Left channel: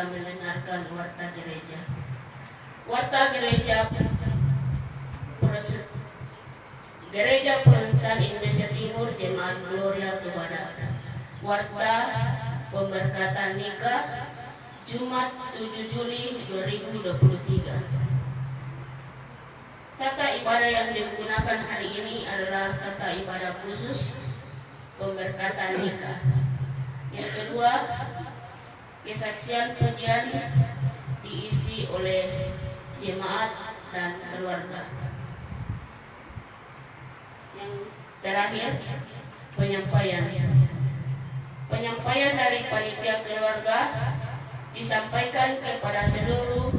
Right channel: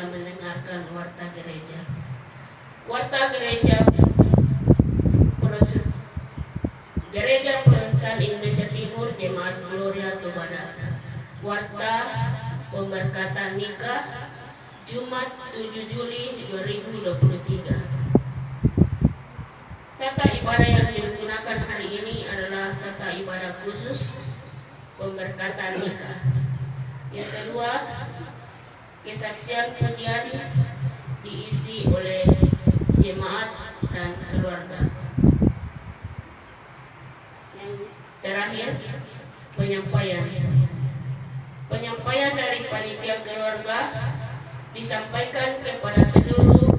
gereja mendengarkan warta gereja. Warta gereja Gereja Protestan Indonesia Timur Jemaat Gloria Tubada. Warta pemberkatan nikah Jumat 7 Juli 2023. Tata ibadah yang digunakan hari ini adalah tata ibadah khusus pemberkatan nikah. Yang kedua, kesaksian pujian diisi oleh jemaat dan keluarga. Terakhir, penyampaian dari panitia keluarga disampaikan kepada seluruh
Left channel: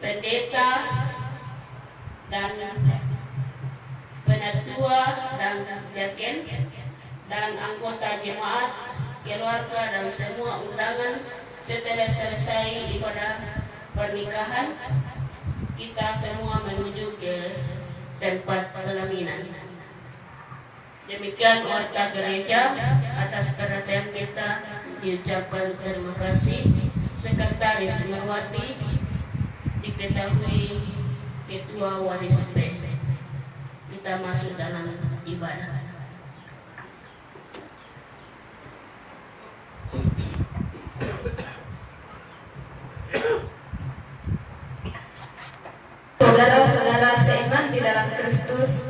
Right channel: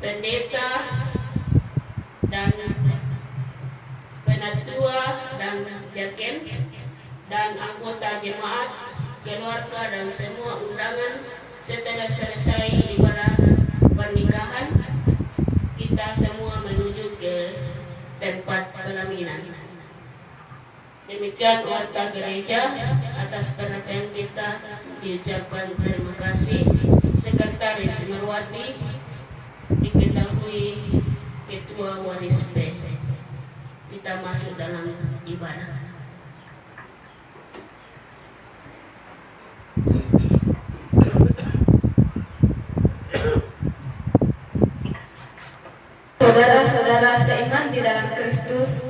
pendeta dan penatua dan diaken dan anggota jemaat, keluarga dan semua undangan. Setelah selesai ibadah pernikahan, kita semua menuju ke tempat pelaminan. Demikian warta gereja. Atas perhatian kita diucapkan terima kasih. Sekretaris Merwati, diketahui Ketua Waris B. Kita masuk dalam ibadah. Saudara-saudara seiman di dalam Kristus,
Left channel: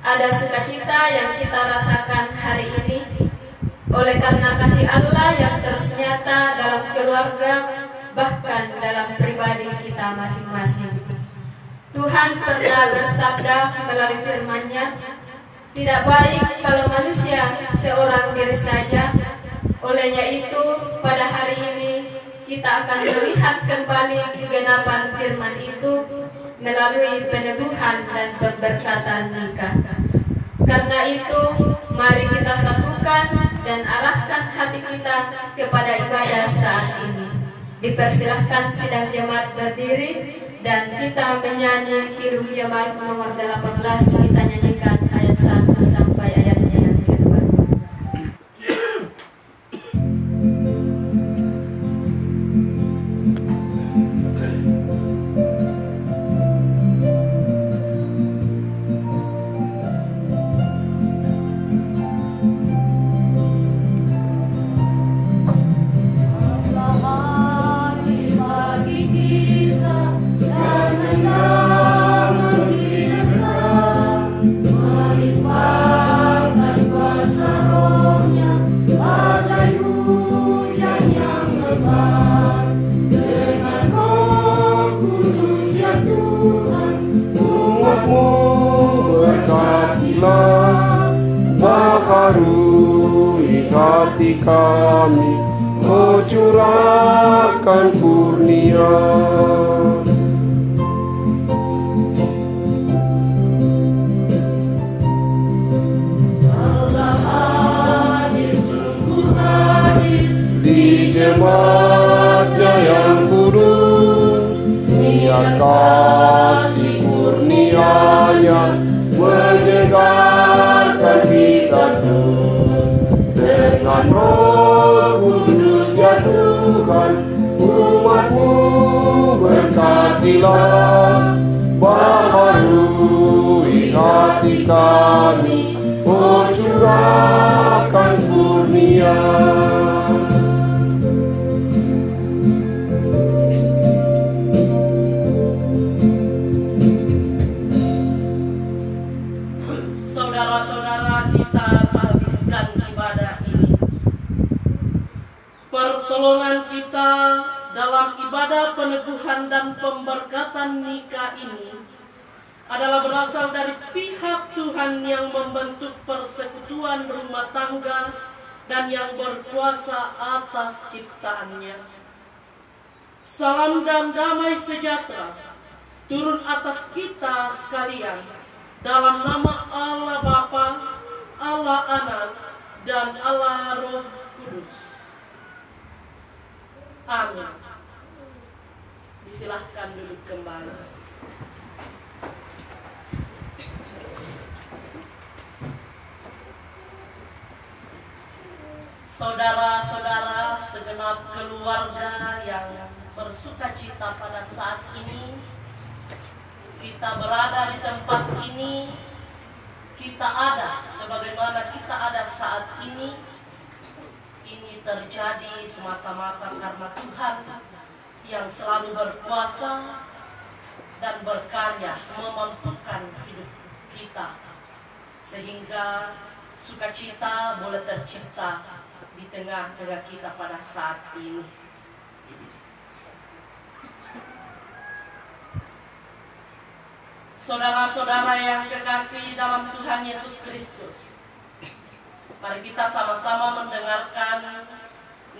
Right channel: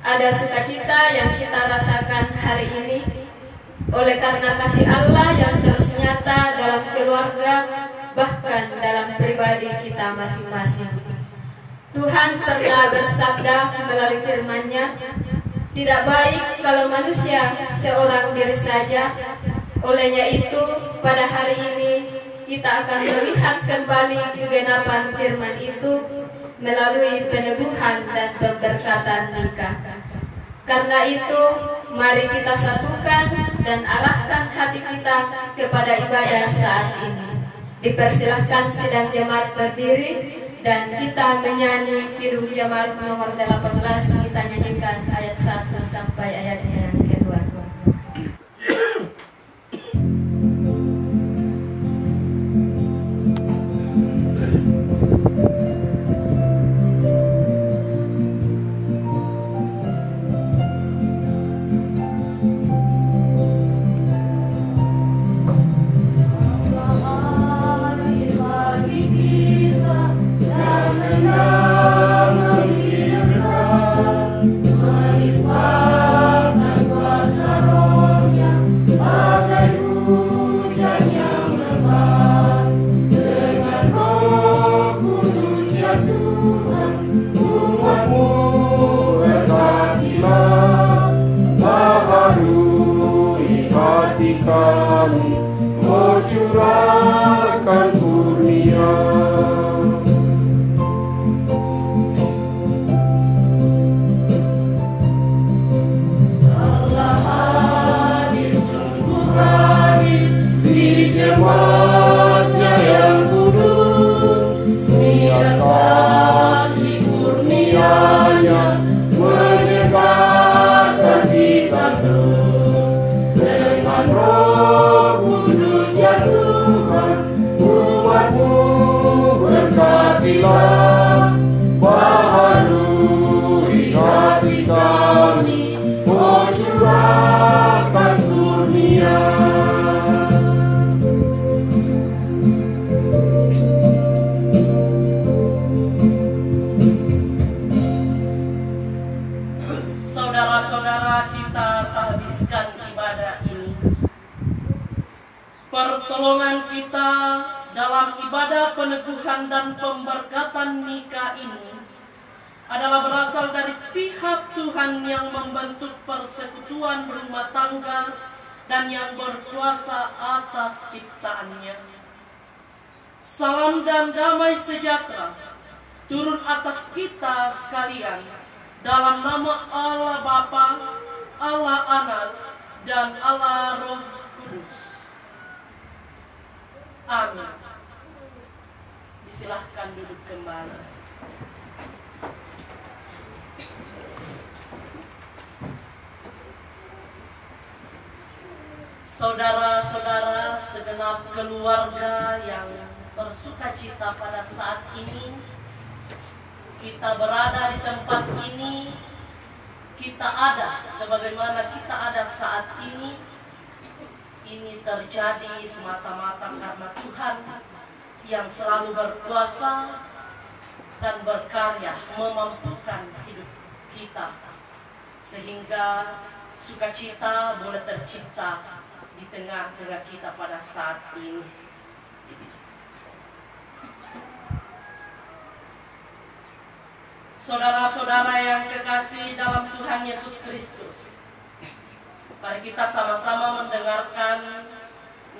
ada sukacita yang kita rasakan hari ini oleh karena kasih Allah yang terus nyata dalam keluarga, bahkan dalam pribadi kita masing-masing. Tuhan pernah bersabda melalui firman-Nya, tidak baik kalau manusia seorang diri saja. Olehnya itu, pada hari ini kita akan melihat kembali kegenapan firman itu melalui peneguhan dan pemberkatan nikah. Karena itu, mari kita satukan dan arahkan hati kita kepada ibadah saat ini. Dipersilahkan sidang jemaat berdiri dan kita menyanyi Kidung Jemaat nomor 18. Kita nyanyikan ayat 1 sampai ayatnya yang kedua. Pertolongan kita dalam ibadah peneguhan dan pemberkatan nikah ini adalah berasal dari pihak Tuhan yang membentuk persekutuan rumah tangga dan yang berkuasa atas ciptaannya. Salam dan damai sejahtera turun atas kita sekalian dalam nama Allah Bapa, Allah Anak, dan Allah Roh Kudus. Amin. Disilahkan duduk kembali. Saudara-saudara segenap keluarga yang bersuka cita pada saat ini. Kita berada di tempat ini, kita ada sebagaimana kita ada saat ini. Ini terjadi semata-mata karena Tuhan yang selalu berkuasa dan berkarya memampukan hidup kita, sehingga sukacita boleh tercipta di tengah-tengah kita pada saat ini. Saudara-saudara yang kekasih dalam Tuhan Yesus Kristus, mari kita sama-sama mendengarkan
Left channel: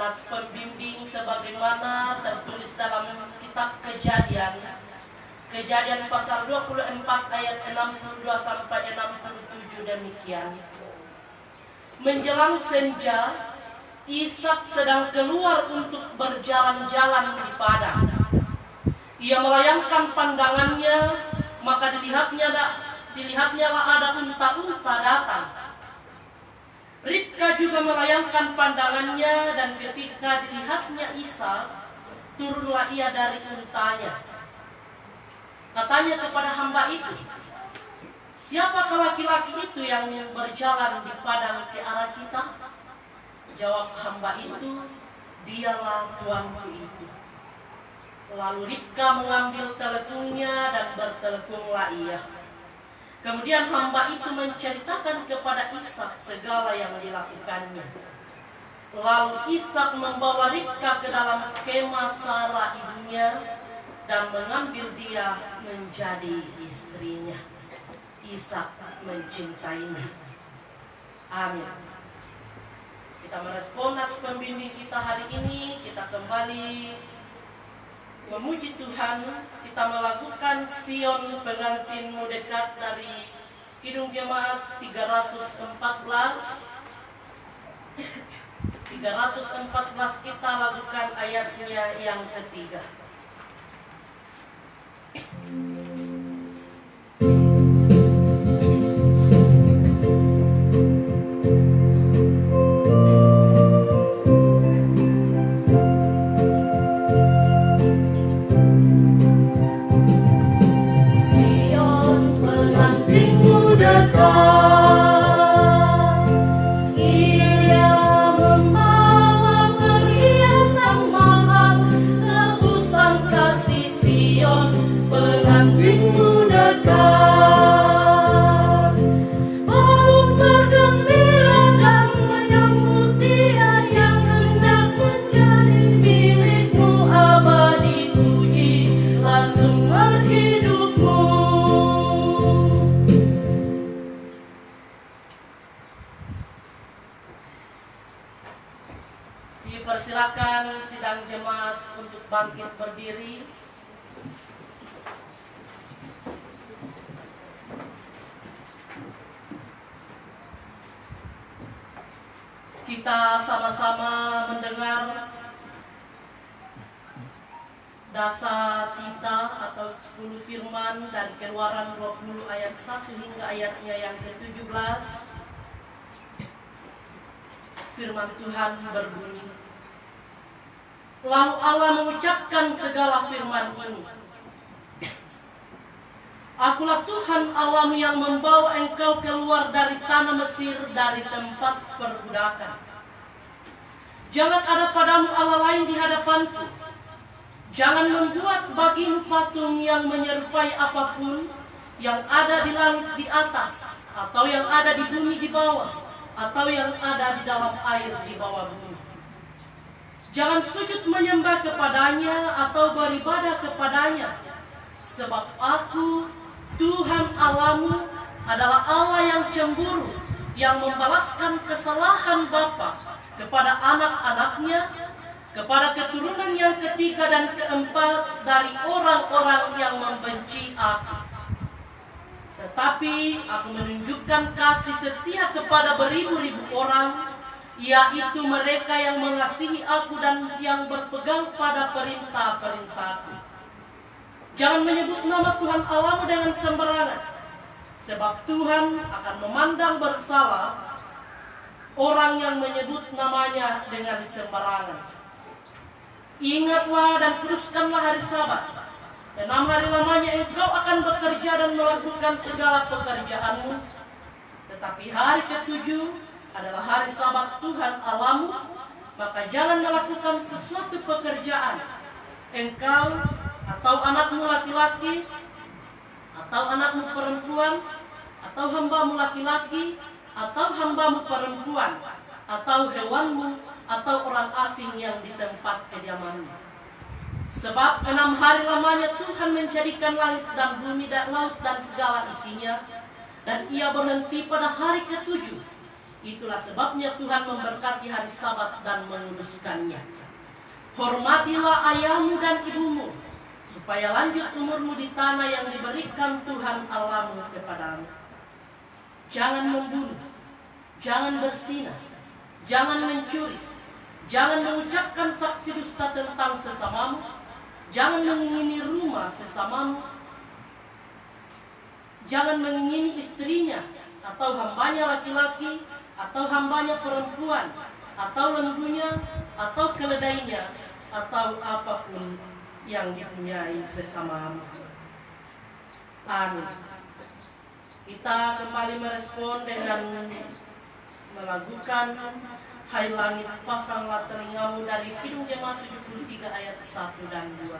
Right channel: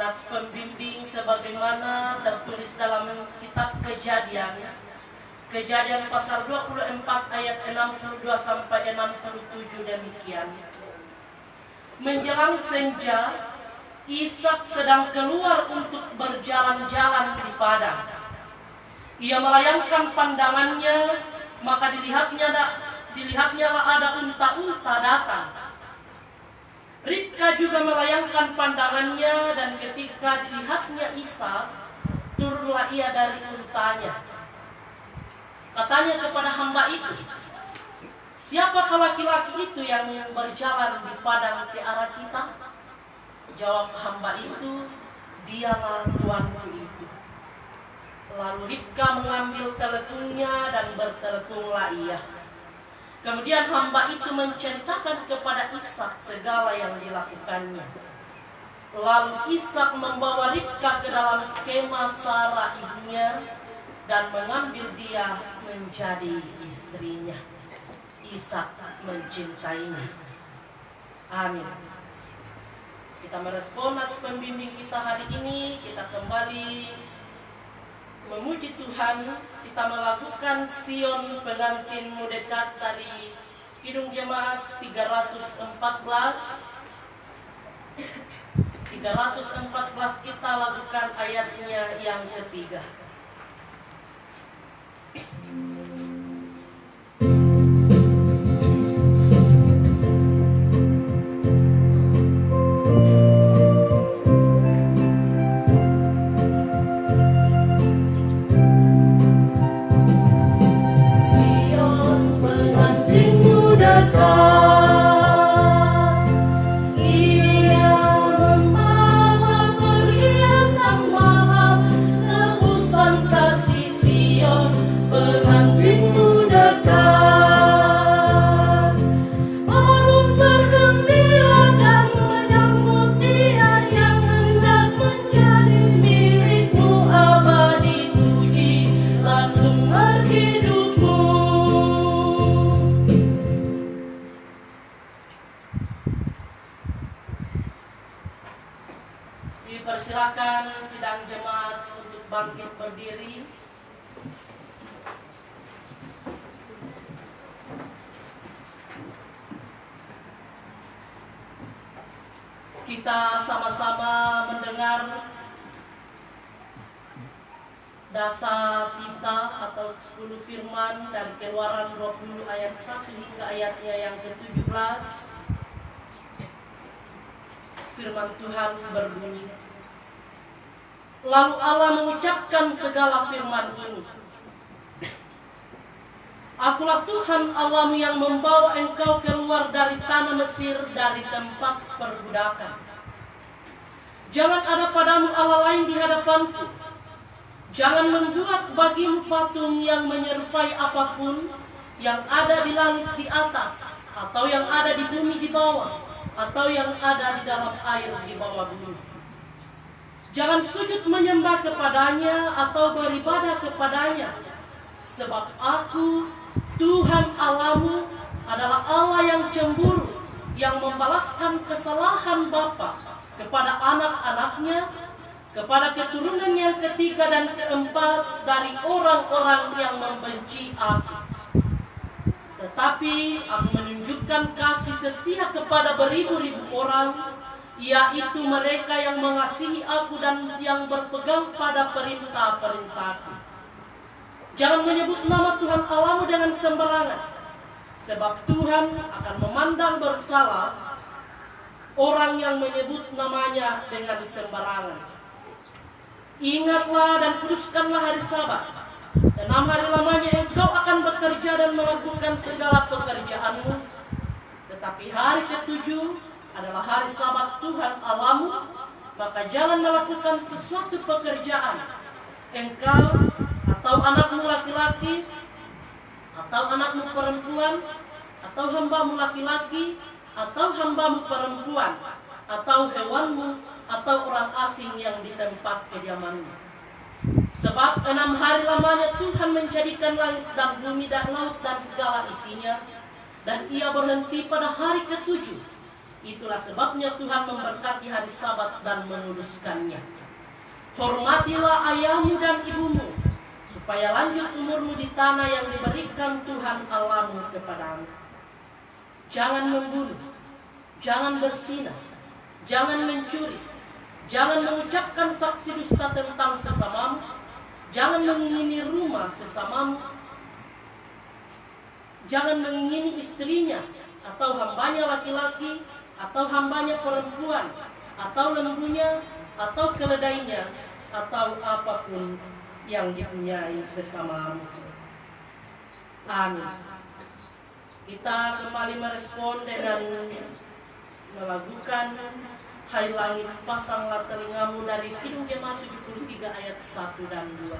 nats pembimbing sebagaimana tertulis dalam kitab Kejadian pasal 24 ayat 62 sampai 67 demikian. Menjelang senja, Ishak sedang keluar untuk berjalan-jalan di padang. Ia melayangkan pandangannya, maka dilihatnyalah ada unta-unta datang. Ribka juga melayangkan pandangannya, dan ketika dilihatnya Ishak, turunlah ia dari untanya. Katanya kepada hamba itu, "Siapakah laki-laki itu yang berjalan di padang ke arah kita?" Jawab hamba itu, "Dialah tuanku itu." Lalu Ribka mengambil telepungnya dan bertelepunglah ia. Kemudian hamba itu menceritakan kepada Ishak segala yang dilakukannya. Lalu Ishak membawa Ribka ke dalam kemah Sarah ibunya dan mengambil dia menjadi istrinya. Ishak mencintainya. Amin. Kita merespon nats pembimbing kita hari ini. Kita kembali memuji Tuhan. Kita melakukan Sion pengantinmu dekat dari Kidung Jemaat 314. 314 kita lakukan ayatnya yang ketiga. Dipersilakan sidang jemaat untuk bangkit berdiri. Kita sama-sama mendengar dasar kita atau 10 firman dari Keluaran 20 ayat 1 hingga ayatnya yang ke-17. Firman Tuhan berbunyi, lalu Allah mengucapkan segala firman ini, "Akulah Tuhan Allahmu yang membawa engkau keluar dari tanah Mesir, dari tempat perbudakan. Jangan ada padamu Allah lain di hadapanku. Jangan membuat bagimu patung yang menyerupai apapun yang ada di langit di atas, atau yang ada di bumi di bawah, atau yang ada di dalam air di bawah bumi. Jangan sujud menyembah kepadanya atau beribadah kepadanya, sebab Aku, Tuhan Allahmu, adalah Allah yang cemburu, yang membalaskan kesalahan bapa kepada anak-anaknya, kepada keturunan yang ketiga dan keempat dari orang-orang yang membenci Aku. Tetapi Aku menunjukkan kasih setia kepada beribu-ribu orang, yaitu mereka yang mengasihi Aku dan yang berpegang pada perintah-perintah-Ku. Jangan menyebut nama Tuhan Allahmu dengan sembarangan, sebab Tuhan akan memandang bersalah orang yang menyebut namanya dengan sembarangan. Ingatlah dan kuduskanlah hari Sabat. 6 hari lamanya engkau akan bekerja dan melakukan segala pekerjaanmu. Tetapi hari ke-7 adalah hari Sabat Tuhan Allahmu. Maka jangan melakukan sesuatu pekerjaan, engkau atau anakmu laki-laki, atau anakmu perempuan, atau hambamu laki-laki, atau hambamu perempuan, atau hewanmu, atau orang asing yang di tempat kediamanmu. Sebab 6 hari lamanya Tuhan menjadikan langit dan bumi dan laut dan segala isinya, dan ia berhenti pada hari ke-7. Itulah sebabnya Tuhan memberkati hari Sabat dan menguduskannya. Hormatilah ayahmu dan ibumu, supaya lanjut umurmu di tanah yang diberikan Tuhan Allahmu kepadamu. Jangan membunuh, jangan berzina, jangan mencuri, jangan mengucapkan saksi dusta tentang sesamamu, jangan mengingini rumah sesamamu, jangan mengingini istrinya, atau hambanya laki-laki, atau hambanya perempuan, atau lembunya, atau keledainya, atau apapun yang dipunyai sesamamu. Amin. Kita kembali merespon dengan melakukan Hai langit pasanglah telingamu dari Kidung Jemaat 73 ayat 1 dan 2.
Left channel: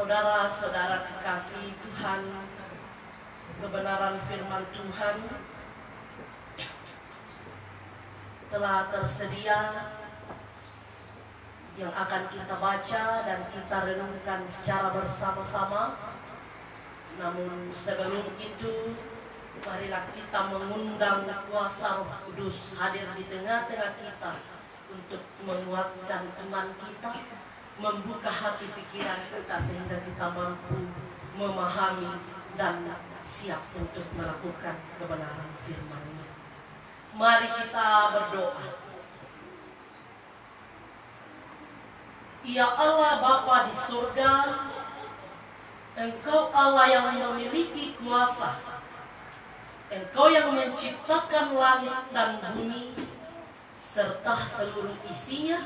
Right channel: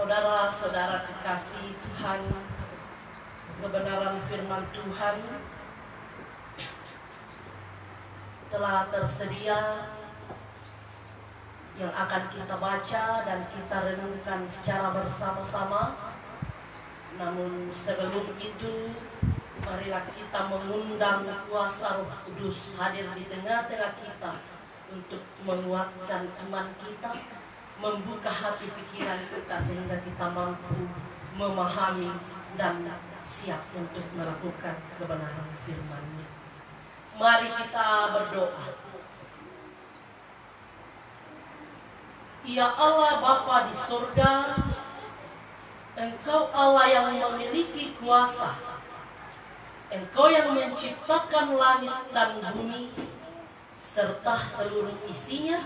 Saudara-saudara kekasih Tuhan, kebenaran firman Tuhan telah tersedia yang akan kita baca dan kita renungkan secara bersama-sama. Namun sebelum itu, marilah kita mengundang kuasa Roh Kudus hadir di tengah-tengah kita untuk menguatkan iman kita, membuka hati pikiran kita sehingga kita mampu memahami dan siap untuk melakukan kebenaran firman-Nya. Mari kita berdoa. Ya Allah Bapa di surga, Engkau Allah yang memiliki kuasa, Engkau yang menciptakan langit dan bumi serta seluruh isinya.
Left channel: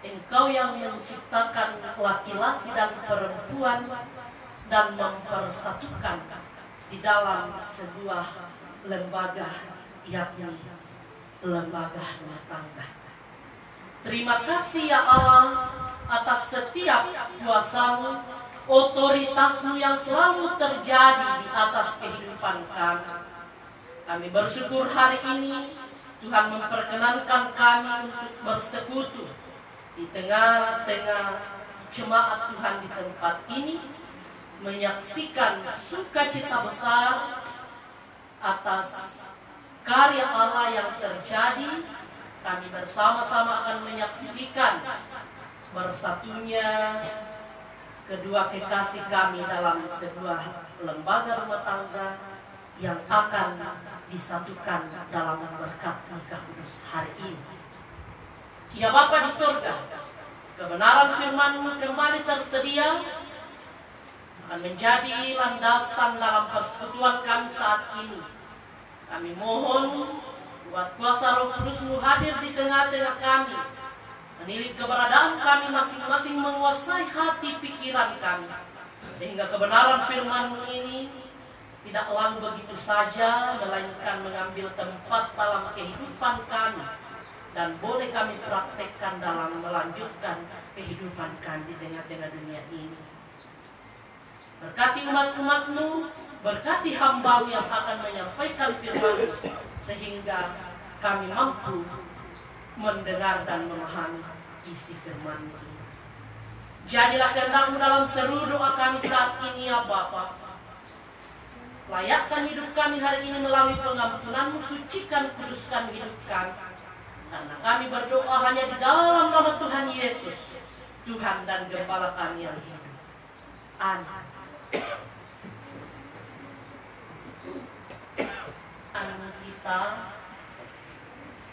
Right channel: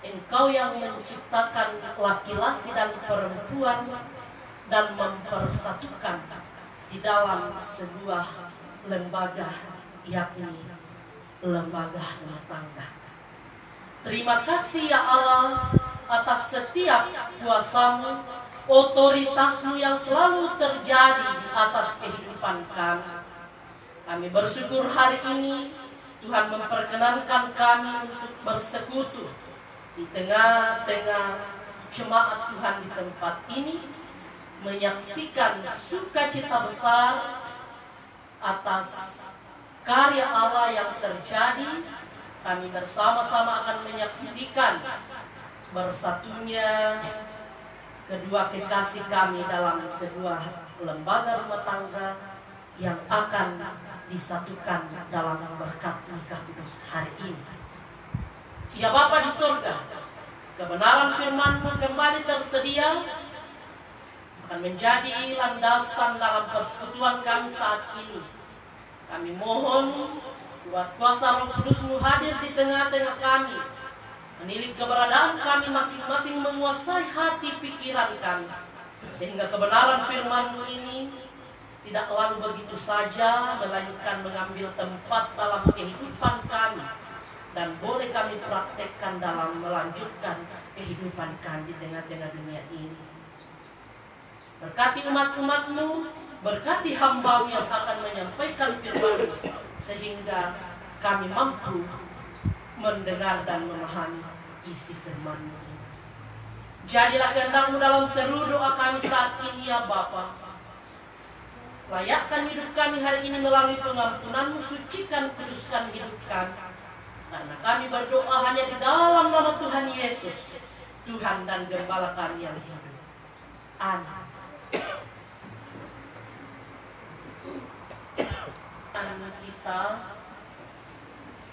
Engkau yang menciptakan laki-laki dan perempuan dan mempersatukan di dalam sebuah lembaga, yakni lembaga rumah tangga. Terima kasih ya Allah atas setiap kuasa-Mu, otoritas-Mu yang selalu terjadi di atas kehidupan kami. Kami bersyukur hari ini Tuhan memperkenankan kami untuk bersekutu di tengah-tengah jemaat Tuhan di tempat ini, menyaksikan sukacita besar atas karya Allah yang terjadi. Kami bersama-sama akan menyaksikan bersatunya kedua kekasih kami dalam sebuah lembaga rumah tangga yang akan disatukan dalam berkat nikah kudus hari ini. Ya Bapa di surga, kebenaran firman-Mu kembali tersedia akan menjadi landasan dalam persekutuan kami saat ini. Kami mohon Buat kuasa Roh Kudus-Mu hadir di tengah-tengah kami, menilik keberadaan kami masing-masing, menguasai hati pikiran kami, sehingga kebenaran firman-Mu ini tidak lalu begitu saja, melainkan mengambil tempat dalam kehidupan kami, dan boleh kami praktekkan dalam melanjutkan kehidupan kami di tengah-tengah dunia ini. Berkati umat-umat-Mu, berkati hamba-Mu yang akan menyampaikan firman-Mu, sehingga kami mampu mendengar dan memahami isi firman-Mu ini. Jadilah kehendak-Mu dalam seluruh doa kami saat ini ya Bapa. Layakkan hidup kami hari ini melalui pengampunan-Mu, sucikan, kuduskan hidup kami. Karena kami berdoa hanya di dalam nama Tuhan Yesus, Tuhan dan Gembala kami yang hidup. Amin. Kita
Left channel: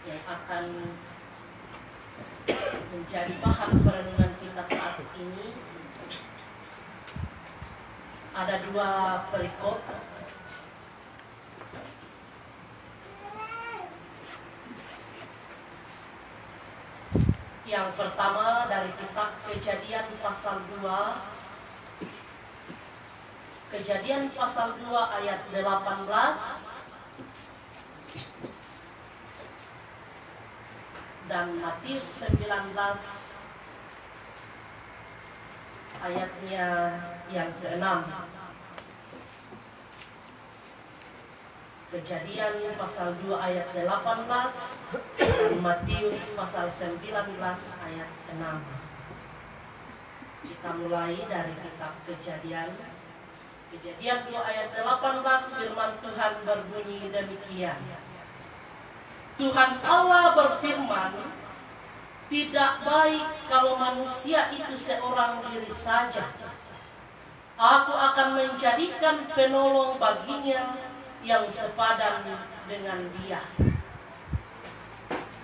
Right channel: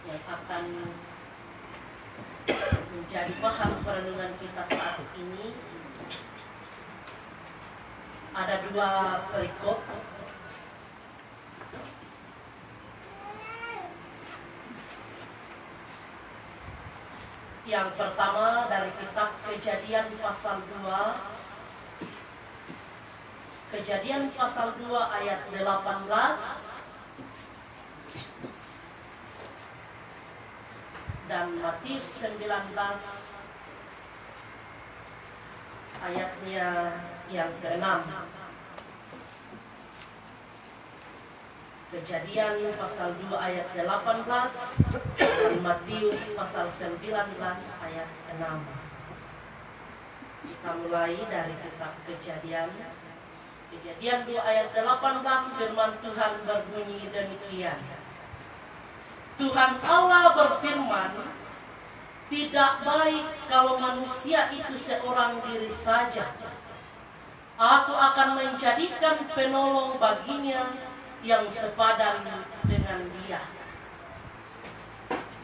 yang akan menjadi bahan perenungan kita saat ini ada dua perikop. Yang pertama dari kitab Kejadian pasal 2. Kejadian pasal 2 ayat 18 dan Matius 19 ayatnya yang ke-6. Kejadian pasal 2 ayat 18 dan Matius pasal 19 ayat 6. Kita mulai dari kitab Kejadian 2 ayat 18. Firman Tuhan berbunyi demikian. Tuhan Allah berfirman, tidak baik kalau manusia itu seorang diri saja. Aku akan menjadikan penolong baginya yang sepadan dengan dia.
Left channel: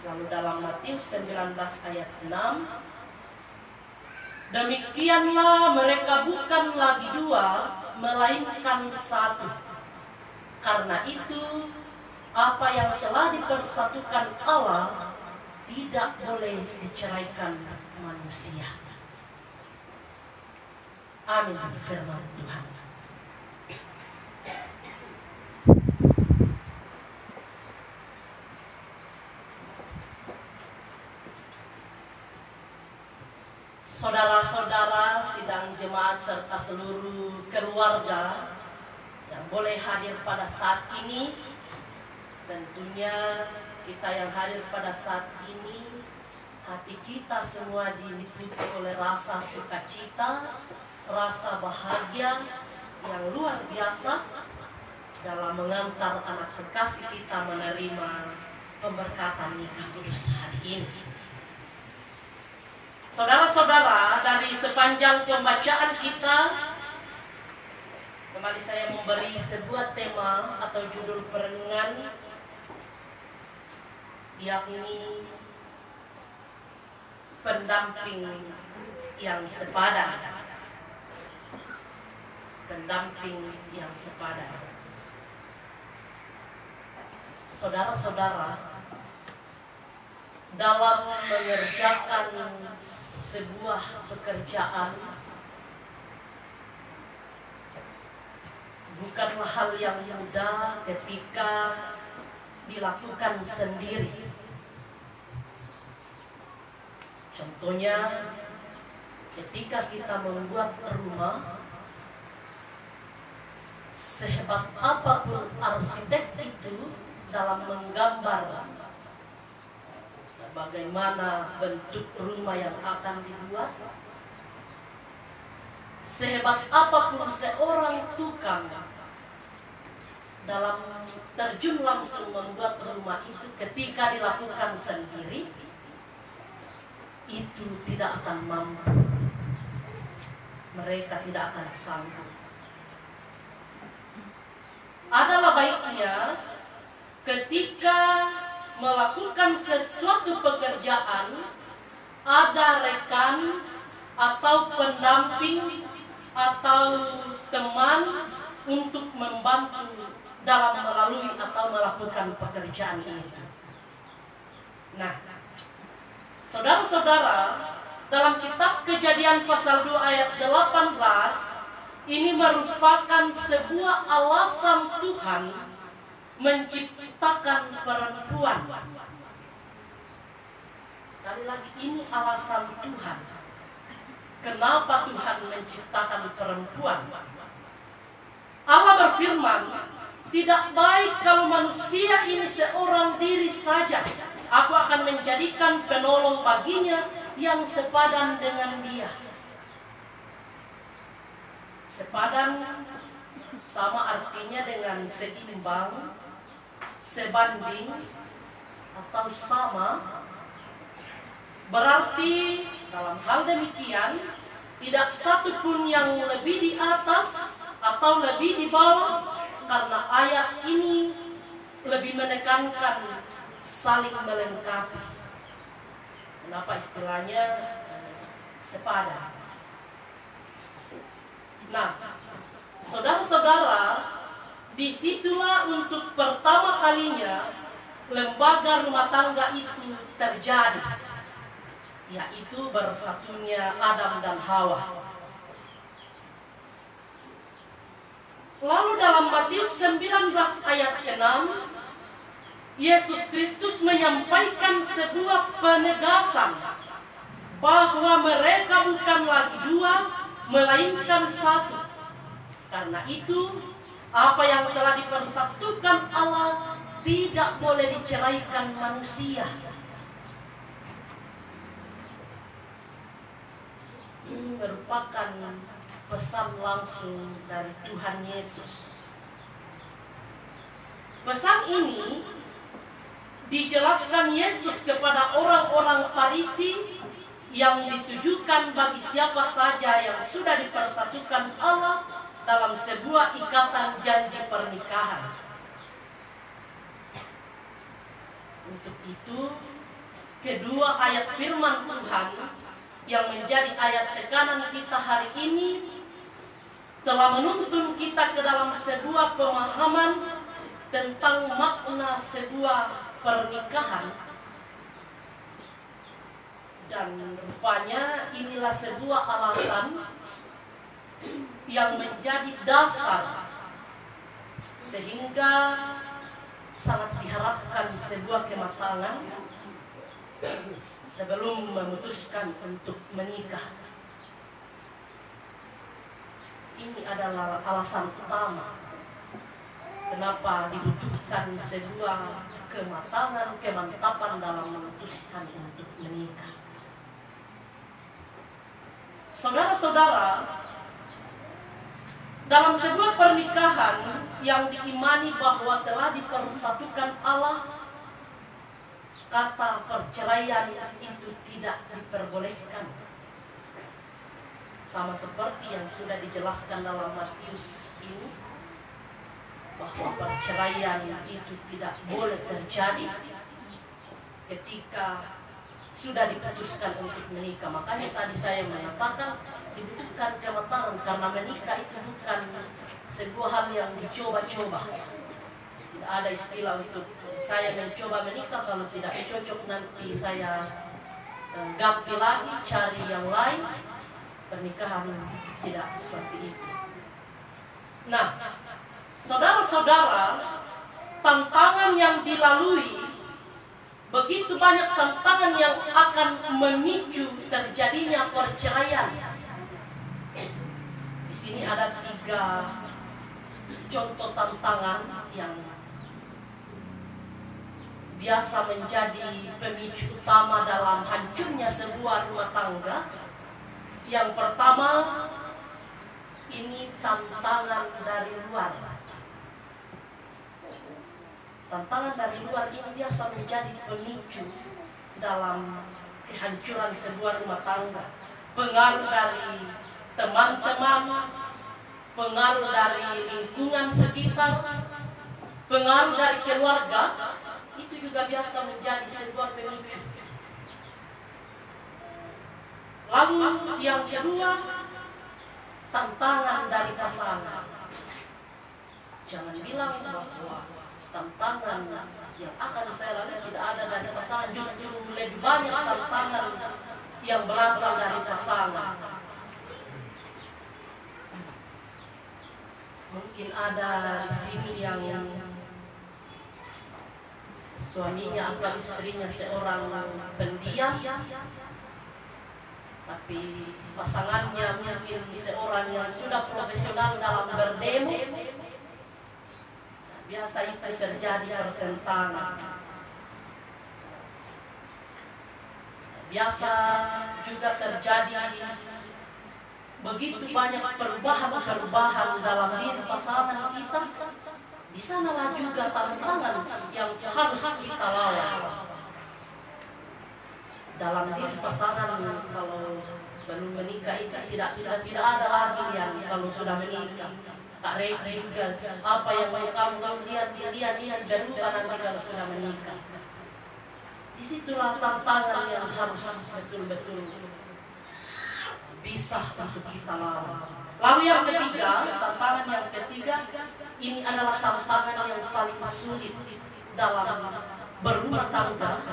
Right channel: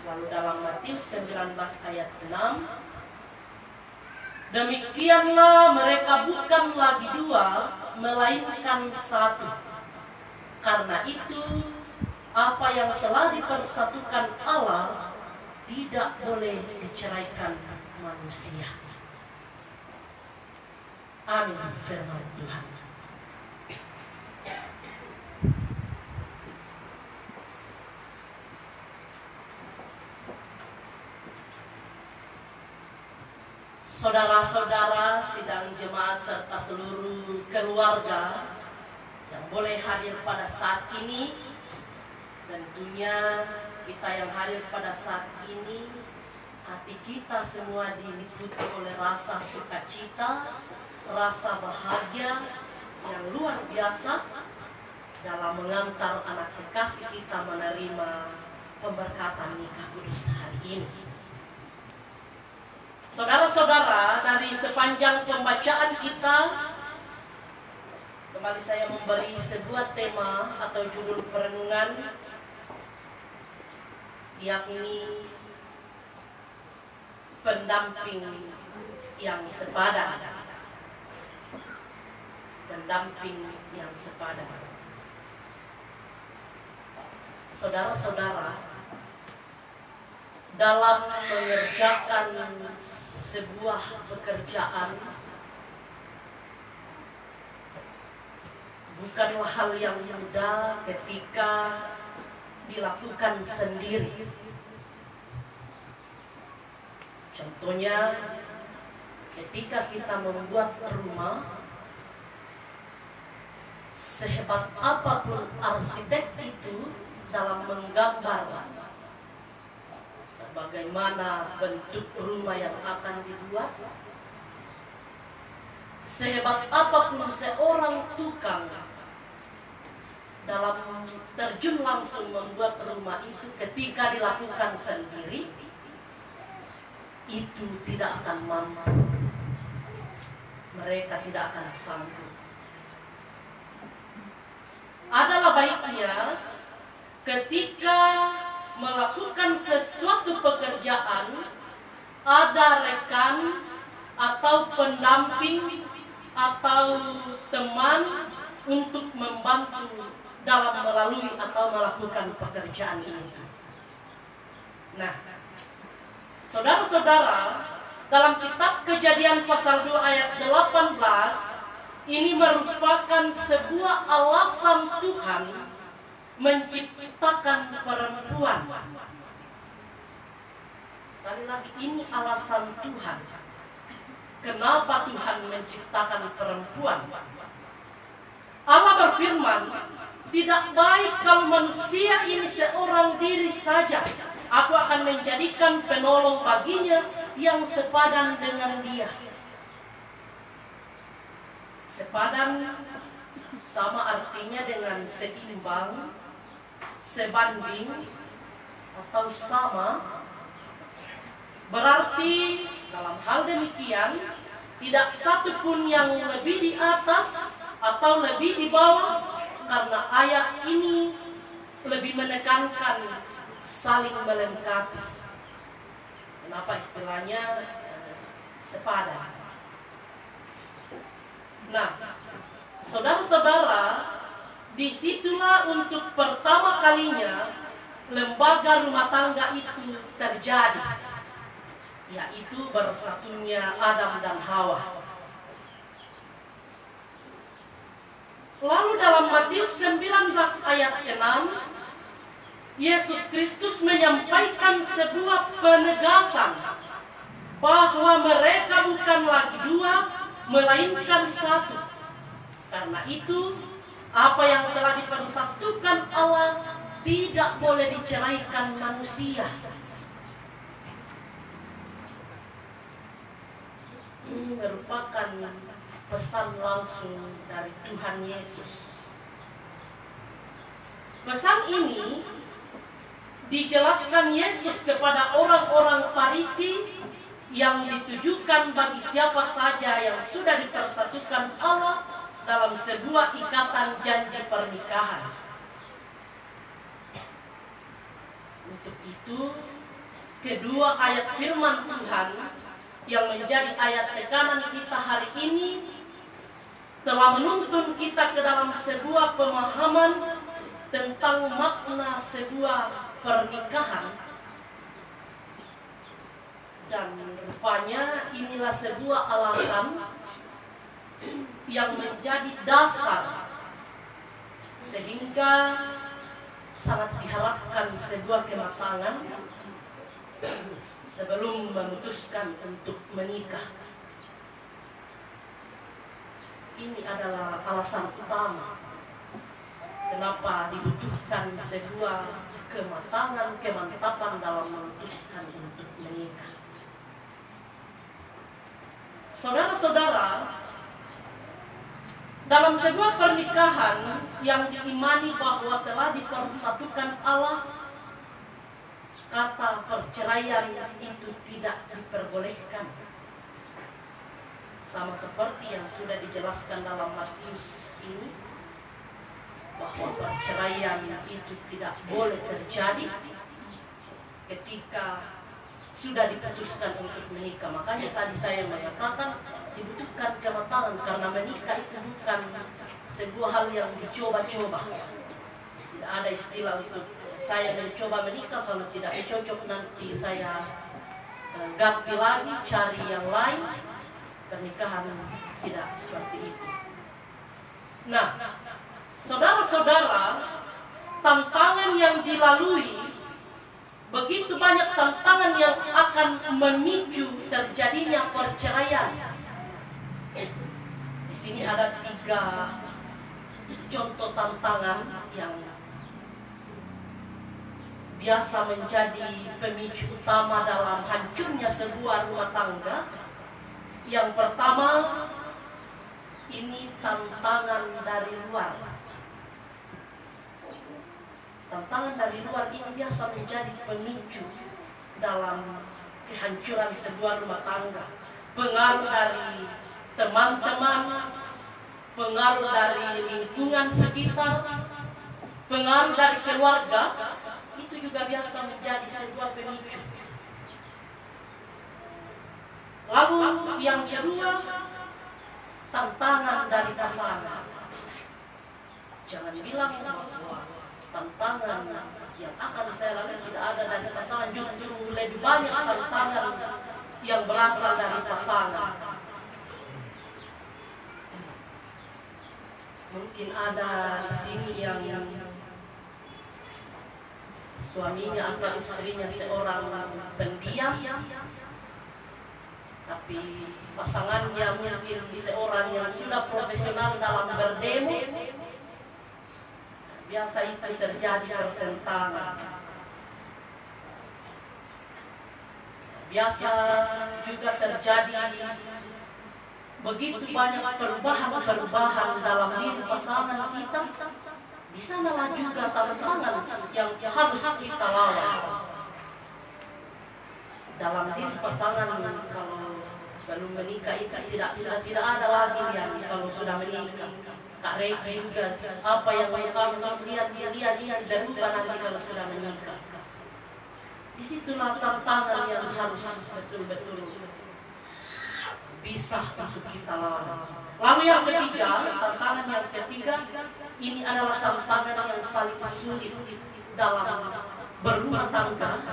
Lalu dalam Matius 19 ayat 6, demikianlah mereka bukan lagi dua, melainkan satu. Karena itu, apa yang telah dipersatukan Allah tidak boleh diceraikan manusia. Amin. Firman Tuhan. Saudara-saudara, sidang jemaat serta seluruh keluarga yang boleh hadir pada saat ini, tentunya kita yang hadir pada saat ini, hati kita semua diliputi oleh rasa sukacita, rasa bahagia yang luar biasa dalam mengantar anak kekasih kita menerima pemberkatan nikah kudus hari ini. Saudara-saudara, dari sepanjang pembacaan kita, kembali saya memberi sebuah tema atau judul perenungan, yakni pendamping yang sepadan. Pendamping yang sepadan. Saudara-saudara, dalam mengerjakan sebuah pekerjaan bukanlah hal yang mudah ketika dilakukan sendiri. Contohnya, ketika kita membuat rumah, sehebat apapun arsitek itu dalam menggambar bagaimana bentuk rumah yang akan dibuat, sehebat apapun seorang tukang dalam terjun langsung membuat rumah itu, ketika dilakukan sendiri, itu tidak akan mampu. Mereka tidak akan sanggup. Adalah baiknya ketika melakukan sesuatu pekerjaan, ada rekan atau pendamping atau teman untuk membantu dalam melalui atau melakukan pekerjaan itu. Nah, saudara-saudara, dalam kitab Kejadian pasal 2 ayat 18, ini merupakan sebuah alasan Tuhan menciptakan perempuan. Sekali lagi, ini alasan Tuhan. Kenapa Tuhan menciptakan perempuan? Allah berfirman, tidak baik kalau manusia ini seorang diri saja. Aku akan menjadikan penolong baginya yang sepadan dengan dia. Sepadan sama artinya dengan seimbang, sebanding, atau sama. Berarti dalam hal demikian, tidak satu pun yang lebih di atas atau lebih di bawah, karena ayat ini lebih menekankan saling melengkapi. Kenapa istilahnya sepadan? Nah, saudara-saudara, disitulah untuk pertama kalinya lembaga rumah tangga itu terjadi, yaitu bersatunya Adam dan Hawa. Lalu dalam Matius 19 ayat 6, Yesus Kristus menyampaikan sebuah penegasan bahwa mereka bukan lagi dua, melainkan satu. Karena itu, apa yang telah dipersatukan Allah tidak boleh diceraikan manusia. Ini merupakan pesan langsung dari Tuhan Yesus. Pesan ini dijelaskan Yesus kepada orang-orang Farisi yang ditujukan bagi siapa saja yang sudah dipersatukan Allah dalam sebuah ikatan janji pernikahan. Untuk itu, kedua ayat firman Tuhan yang menjadi ayat tekanan kita hari ini telah menuntun kita ke dalam sebuah pemahaman tentang makna sebuah pernikahan. Dan rupanya inilah sebuah alasan yang menjadi dasar sehingga sangat diharapkan sebuah kematangan sebelum memutuskan untuk menikah. Ini adalah alasan utama kenapa dibutuhkan sebuah kematangan, kemantapan dalam memutuskan untuk menikah. Saudara-saudara, dalam sebuah pernikahan yang diimani bahwa telah dipersatukan Allah, kata perceraian itu tidak diperbolehkan. Sama seperti yang sudah dijelaskan dalam Matius ini, bahwa perceraian itu tidak boleh terjadi ketika sudah diputuskan untuk menikah. Makanya tadi saya mengatakan dibutuhkan kematangan, karena menikah itu bukan sebuah hal yang dicoba-coba. Tidak ada istilah untuk saya mencoba menikah, kalau tidak cocok nanti saya ganti lagi, cari yang lain. Pernikahan tidak seperti itu. Nah, saudara-saudara, tantangan yang dilalui, begitu banyak tantangan yang akan memicu terjadinya perceraian. Di sini ada 3 contoh tantangan yang biasa menjadi pemicu utama dalam hancurnya sebuah rumah tangga. Yang pertama, ini tantangan dari luar. Tantangan dari luar ini biasa menjadi pemicu dalam kehancuran sebuah rumah tangga. Pengaruh dari teman-teman, pengaruh dari lingkungan sekitar, pengaruh dari keluarga, itu juga biasa menjadi sebuah pemicu. Lalu yang kedua, tantangan dari pasangan. Jangan bilang bahwa tantangan yang akan saya lalui tidak ada dari pasangan, justru lebih banyak tantangan yang berasal dari pasangan. Mungkin ada di sini yang suaminya atau istrinya seorang pendiam, tapi pasangannya mungkin seorang yang sudah profesional dalam berdemo. Biasa itu terjadi pertentangan. Biasa juga terjadi begitu banyak perubahan dalam diri pasangan kita. Di sanalah juga tantangan yang harus kita lawan. Dalam diri pasangan kalau belum menikah itu sudah tidak ada lagi yang kalau sudah menikah. Kak Reki juga apa yang kamu lihat berubah nanti kalau sudah menikah. Disitulah tantangan yang harus betul-betul bisa untuk kita lawan. Lalu yang ketiga, tantangan yang ketiga ini adalah tantangan yang paling sulit dalam berumah tangga,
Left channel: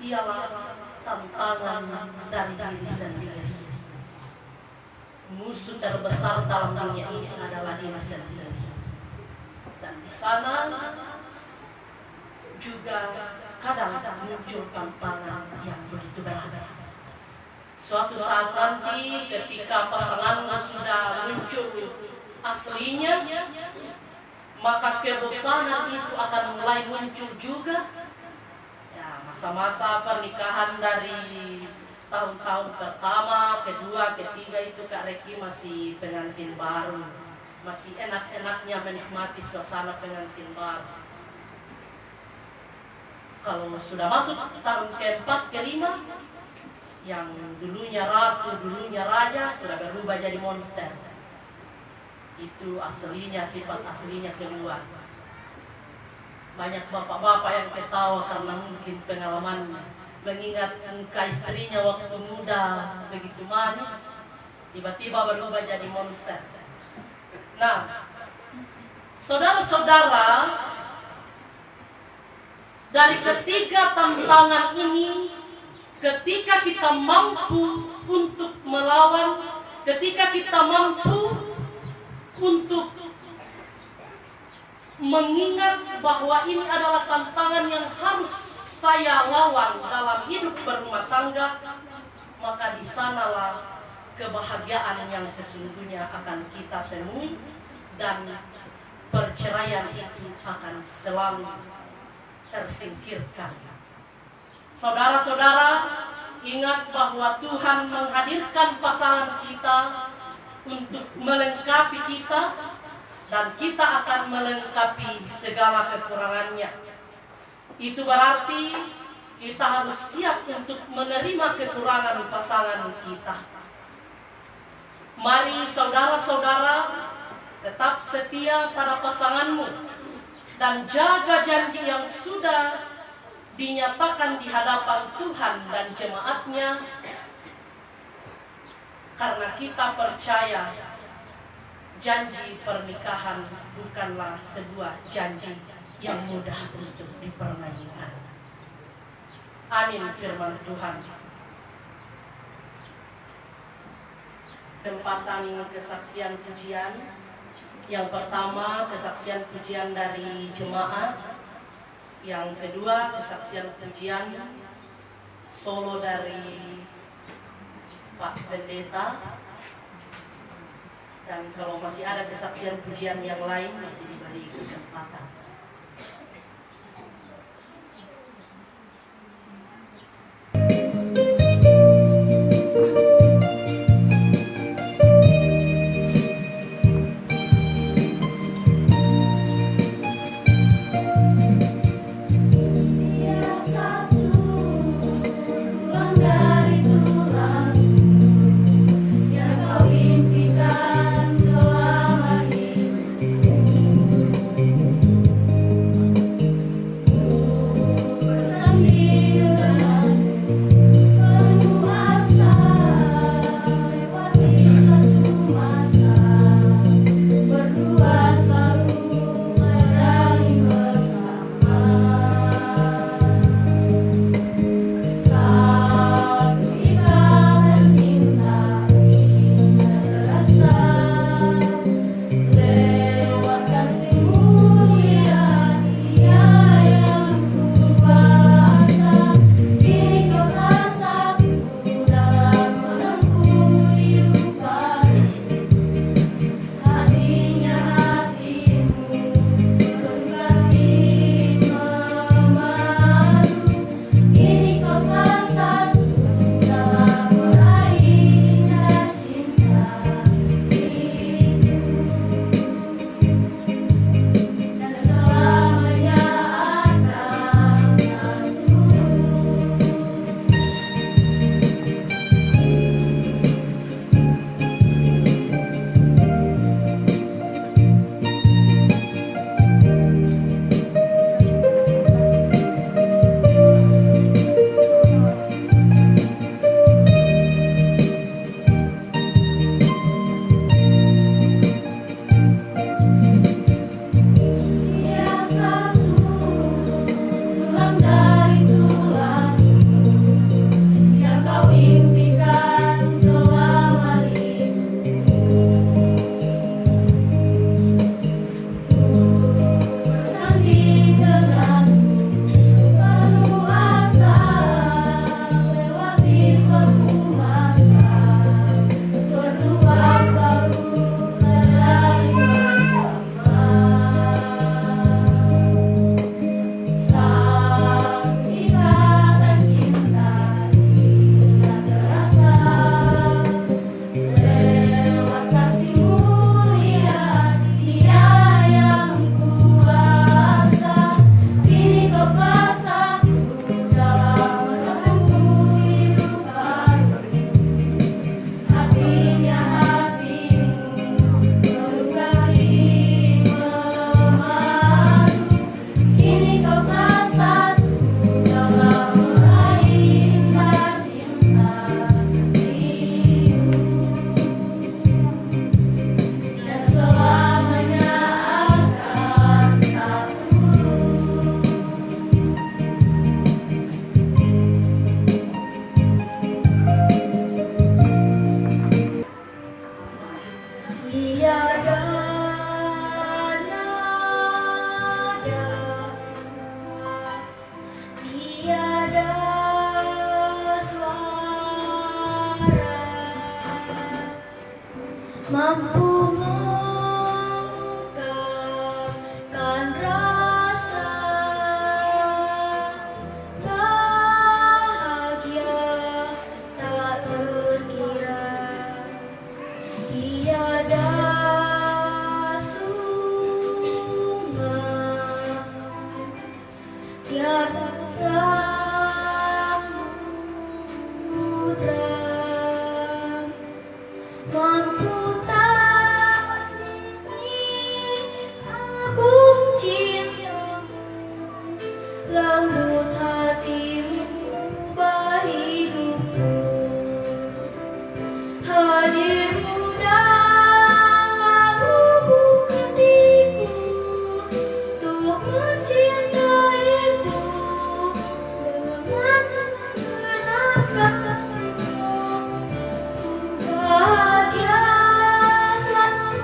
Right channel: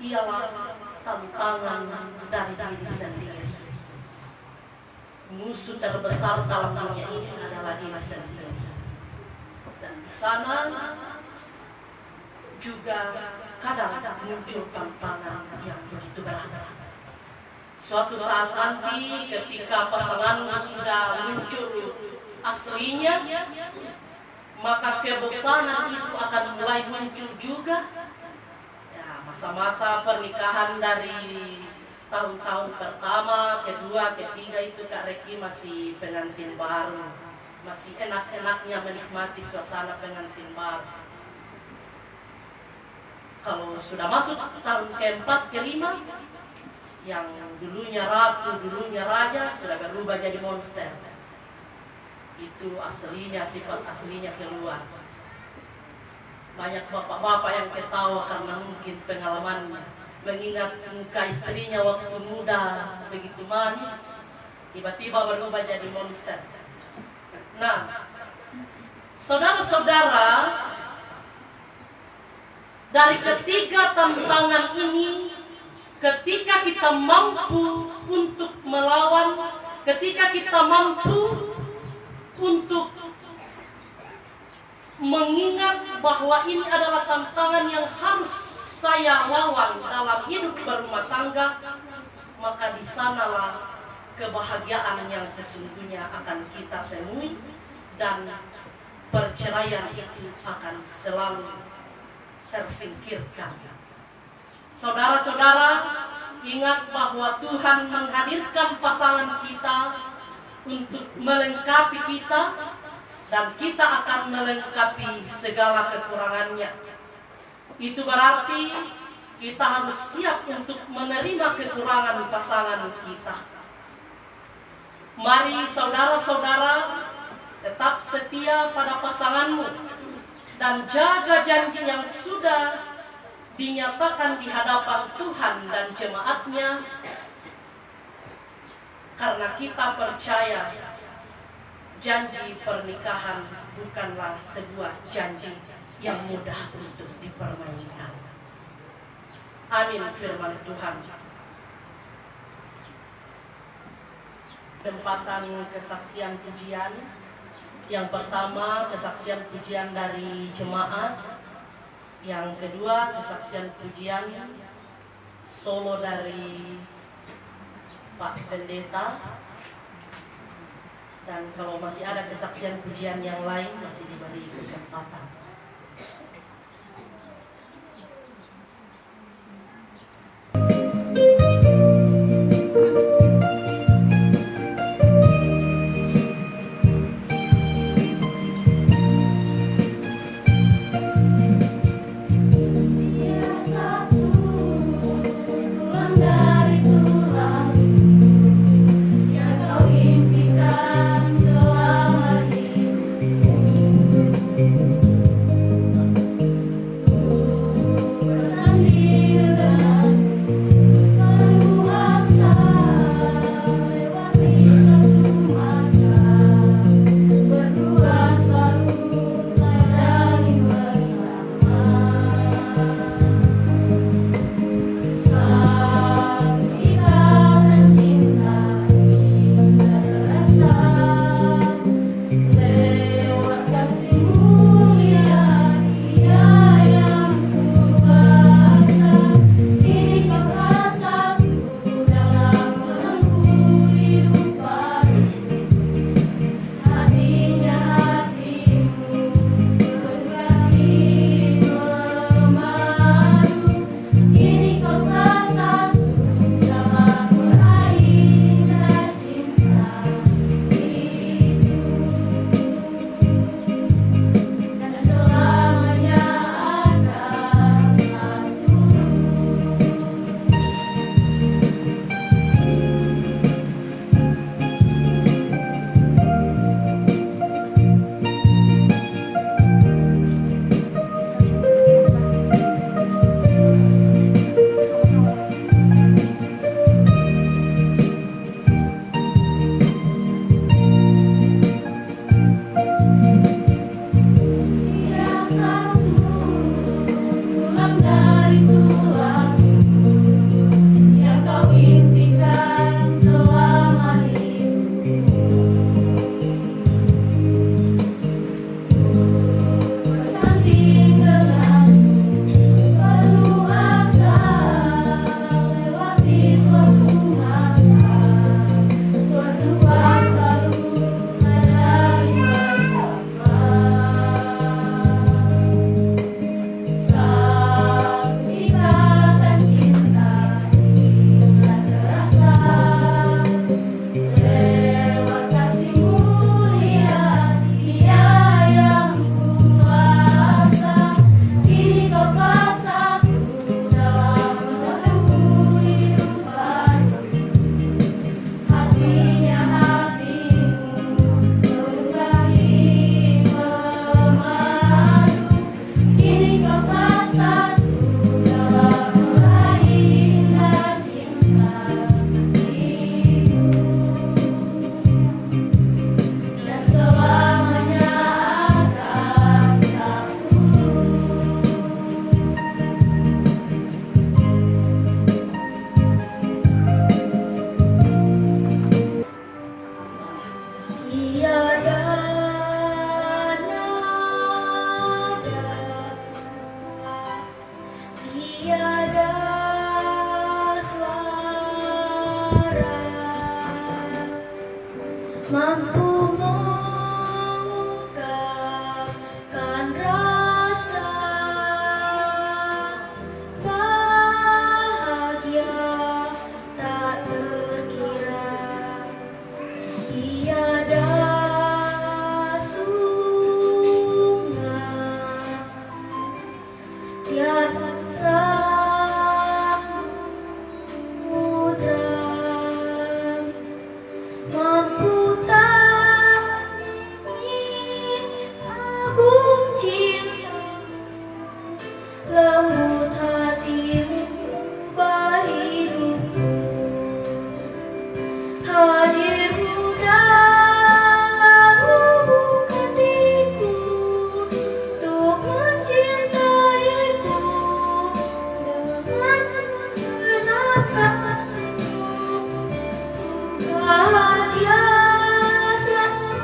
ialah tantangan dari diri sendiri. Musuh terbesar dalam dunia ini adalah diri sendiri. Dan di sana juga kadang muncul tantangan yang begitu berat. Suatu saat nanti ketika pasangan sudah muncul aslinya, maka kebosanan itu akan mulai muncul juga. Ya, masa-masa pernikahan dari tahun-tahun pertama, kedua, ketiga itu Kak Reki masih pengantin baru, masih enak-enaknya menikmati suasana pengantin baru. Kalau sudah masuk tahun keempat, kelima, yang dulunya ratu, dulunya raja, sudah berubah jadi monster. Itu aslinya, sifat aslinya keluar. Banyak bapak-bapak yang ketawa karena mungkin pengalaman mengingat muka istrinya waktu muda begitu manis, tiba-tiba berubah jadi monster. Nah, saudara-saudara, dari ketiga tantangan ini, ketika kita mampu untuk melawan, ketika kita mampu untuk mengingat bahwa ini adalah tantangan yang harus saya lawan dalam hidup berumah tangga, maka di sanalah kebahagiaan yang sesungguhnya akan kita temui dan perceraian itu akan selalu tersingkirkan. Saudara-saudara, ingat bahwa Tuhan menghadirkan pasangan kita untuk melengkapi kita, dan kita akan melengkapi segala kekurangannya. Itu berarti kita harus siap untuk menerima kekurangan pasangan kita. Mari saudara-saudara tetap setia pada pasanganmu dan jaga janji yang sudah dinyatakan di hadapan Tuhan dan jemaatnya, karena kita percaya janji pernikahan bukanlah sebuah janji yang mudah untuk dipermainkan. Amin firman Tuhan. Kesempatan kesaksian pujian. Yang pertama kesaksian pujian dari jemaat. Yang kedua kesaksian pujian solo dari Pak Pendeta. Dan kalau masih ada kesaksian pujian yang lain masih diberi kesempatan. tiada tiada suara mampu mengungkapkan rasa bahagia tak terkira. Tiada sungai, tiada samudra mampu tandingi agung cintamu, lembut hatimu, ubah hidupku. Hadirmu dalam lubuk hatiku, untuk mencintaiku dengan segenap kasihmu. Bahagia selalu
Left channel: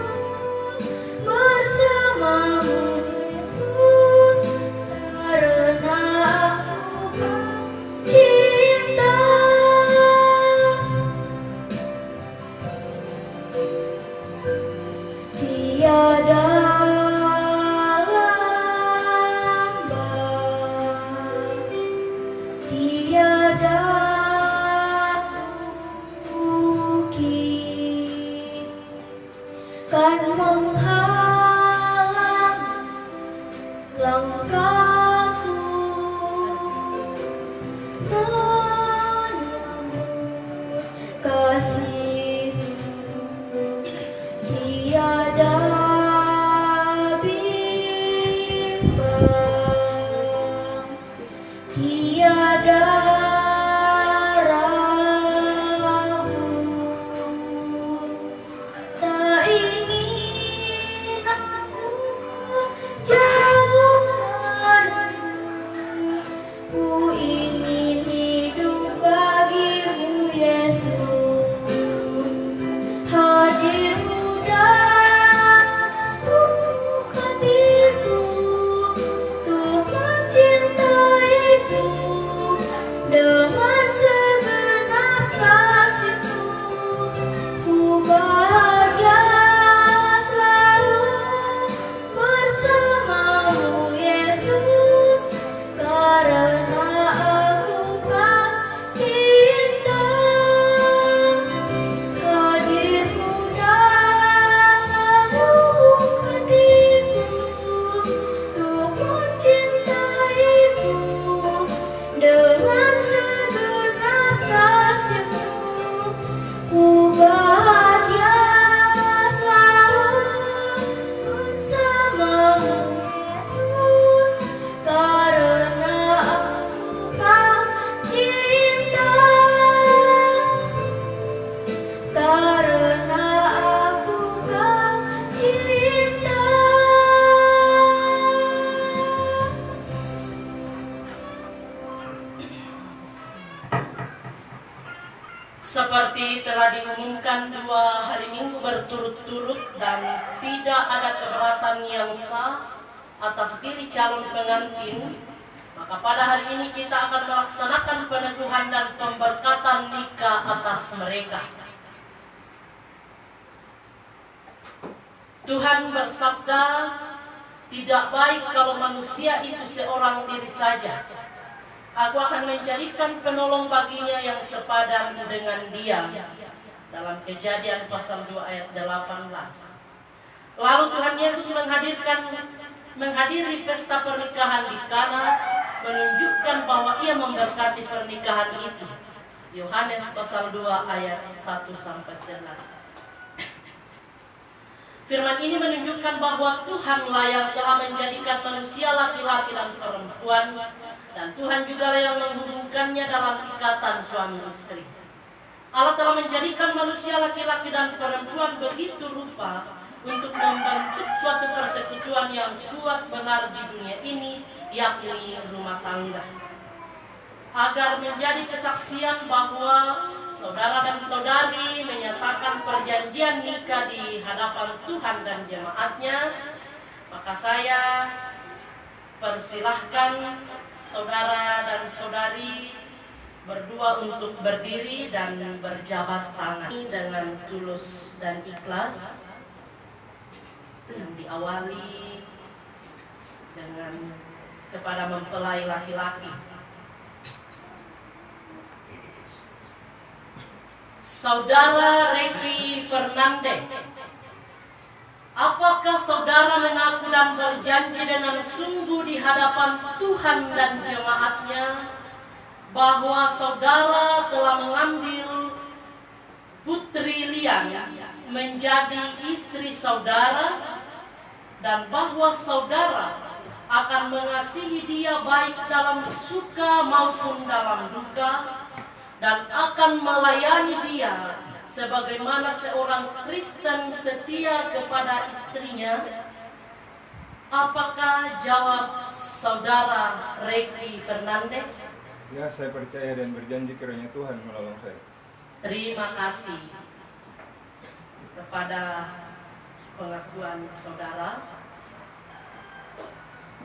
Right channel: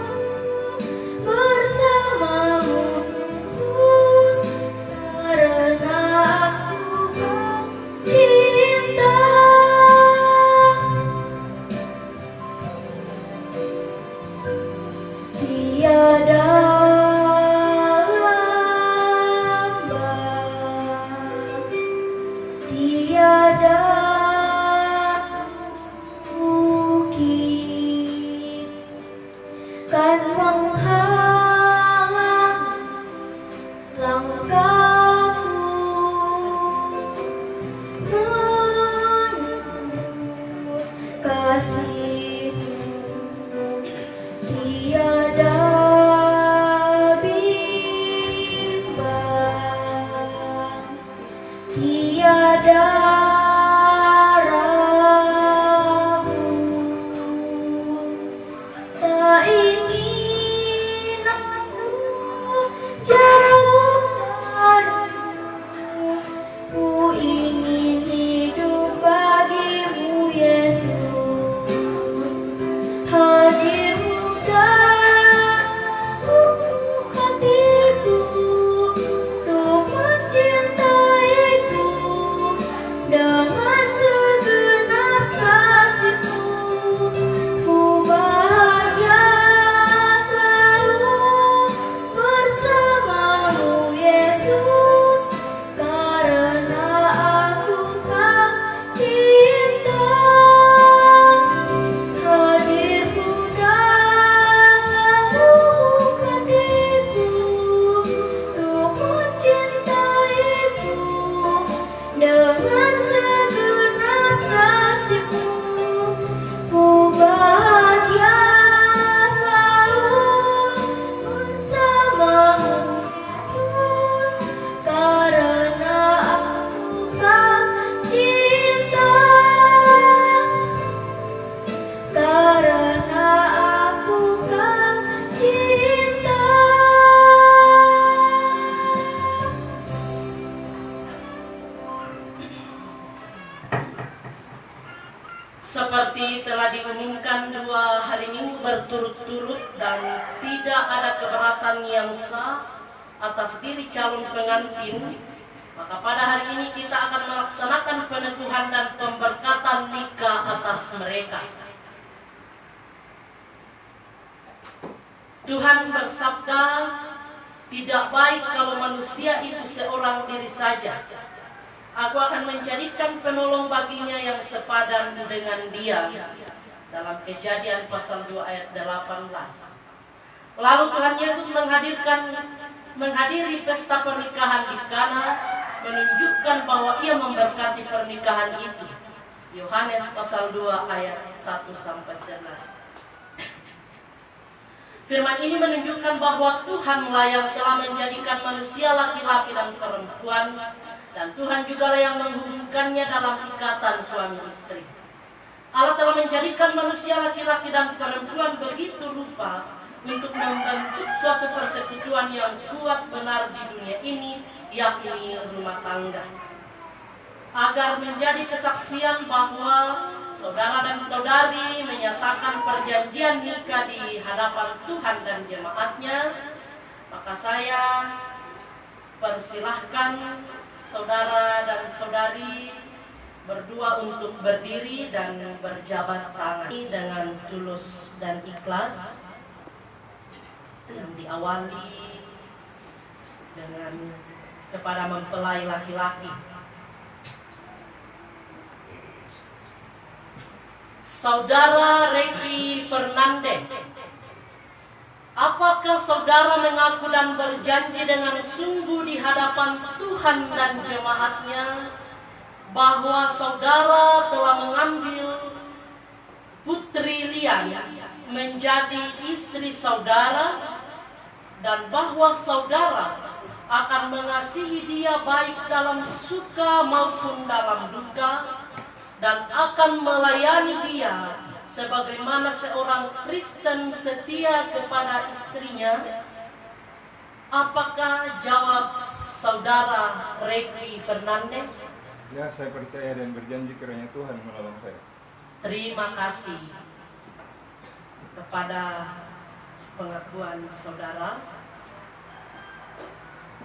bersamamu, Yesus, karena aku kau cinta. Tiada lambat, tiada bukit kan menghalang langkahku menyambut kasihmu. Tiada bimbang, tiada ragu, tak ingin aku jauh darimu. Ku ingin hidup bagimu, Yesus. Hadirmu dalam lubuk hatiku, untuk mencintaiku dengan segenap kasihmu. Ku bahagia selalu bersamamu, Yesus, karena aku kau cinta. Hadirmu dalam lubuk hatiku, untuk mencintaiku dengan segenap kasihmu. Ku bahagia selalu bersamamu, Yesus, karena aku kau cinta. Karena aku kau cinta. Seperti telah diumumkan 2 hari Minggu berturut-turut dan tidak ada keberatan yang sah atas diri calon pengantin, maka pada hari ini kita akan melaksanakan peneguhan dan pemberkatan nikah atas mereka. Tuhan bersabda, tidak baik kalau manusia itu seorang diri saja. Aku akan menjadikan penolong baginya yang sepadan dengan dia. Dalam Kejadian pasal 2 ayat 18. Lalu Tuhan Yesus menghadiri pesta pernikahan di Kana, menunjukkan bahwa ia memberkati pernikahan itu. Yohanes pasal 2 ayat 1-11. Firman ini menunjukkan bahwa Tuhanlah yang telah menjadikan manusia laki-laki dan perempuan, dan Tuhan juga yang menghubungkannya dalam ikatan suami istri. Allah telah menjadikan manusia laki-laki dan perempuan begitu rupa untuk membentuk suatu persekutuan yang kuat benar di dunia ini, yakni rumah tangga. Agar menjadi kesaksian bahwa saudara dan saudari menyatakan perjanjian nikah di hadapan Tuhan dan jemaatnya, maka saya persilahkan saudara dan saudari berdua untuk berdiri dan berjabat tangan dengan tulus dan ikhlas, yang diawali dengan kepada mempelai laki-laki. Saudara Reki Fernandez, apakah saudara mengaku dan berjanji dengan sungguh di hadapan Tuhan dan jemaatnya bahwa saudara telah mengambil Putri Lian menjadi istri saudara, dan bahwa saudara akan mengasihi dia baik dalam suka maupun dalam duka, dan akan melayani dia sebagaimana seorang Kristen setia kepada istrinya? Apakah jawab saudara Reki Fernandez? Ya, saya percaya dan berjanji kiranya Tuhan menolong saya. Terima kasih kepada pengakuan saudara.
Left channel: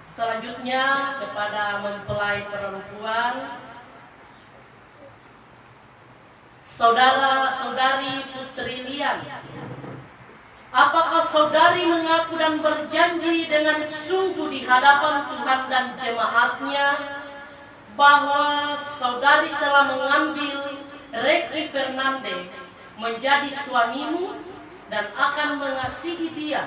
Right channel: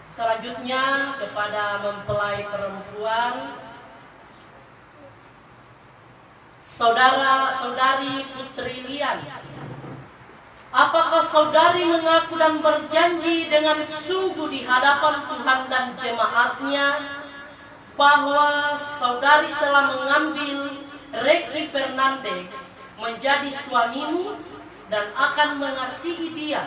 Selanjutnya kepada mempelai perempuan, saudari Putri Lian, apakah saudari mengaku dan berjanji dengan sungguh di hadapan Tuhan dan jemaatnya bahwa saudari telah mengambil Reki Fernandez menjadi suamimu dan akan mengasihi dia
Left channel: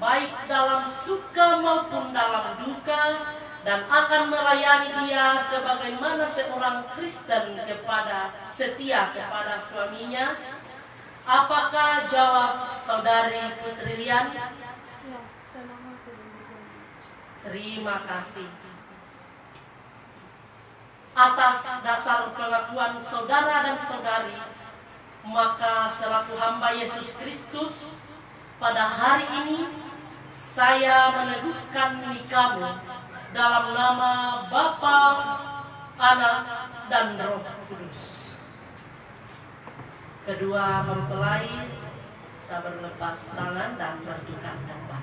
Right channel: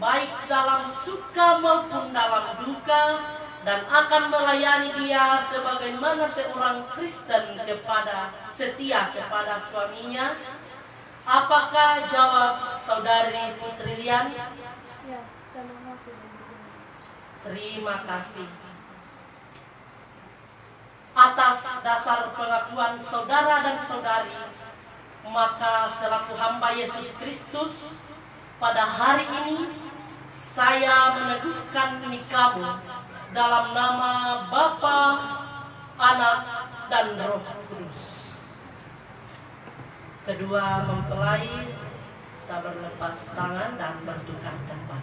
baik dalam suka maupun dalam duka, dan akan melayani dia sebagaimana seorang Kristen setia kepada suaminya? Apakah jawab saudari Putri Lian? Ya, saya mengaku dan berjanji. Terima kasih. Atas dasar pengakuan saudara dan saudari, maka selaku hamba Yesus Kristus, pada hari ini saya meneguhkan nikahmu dalam nama Bapa, Anak, dan Roh Kudus. Kedua mempelai bisa berlepas tangan dan bertukar tempat.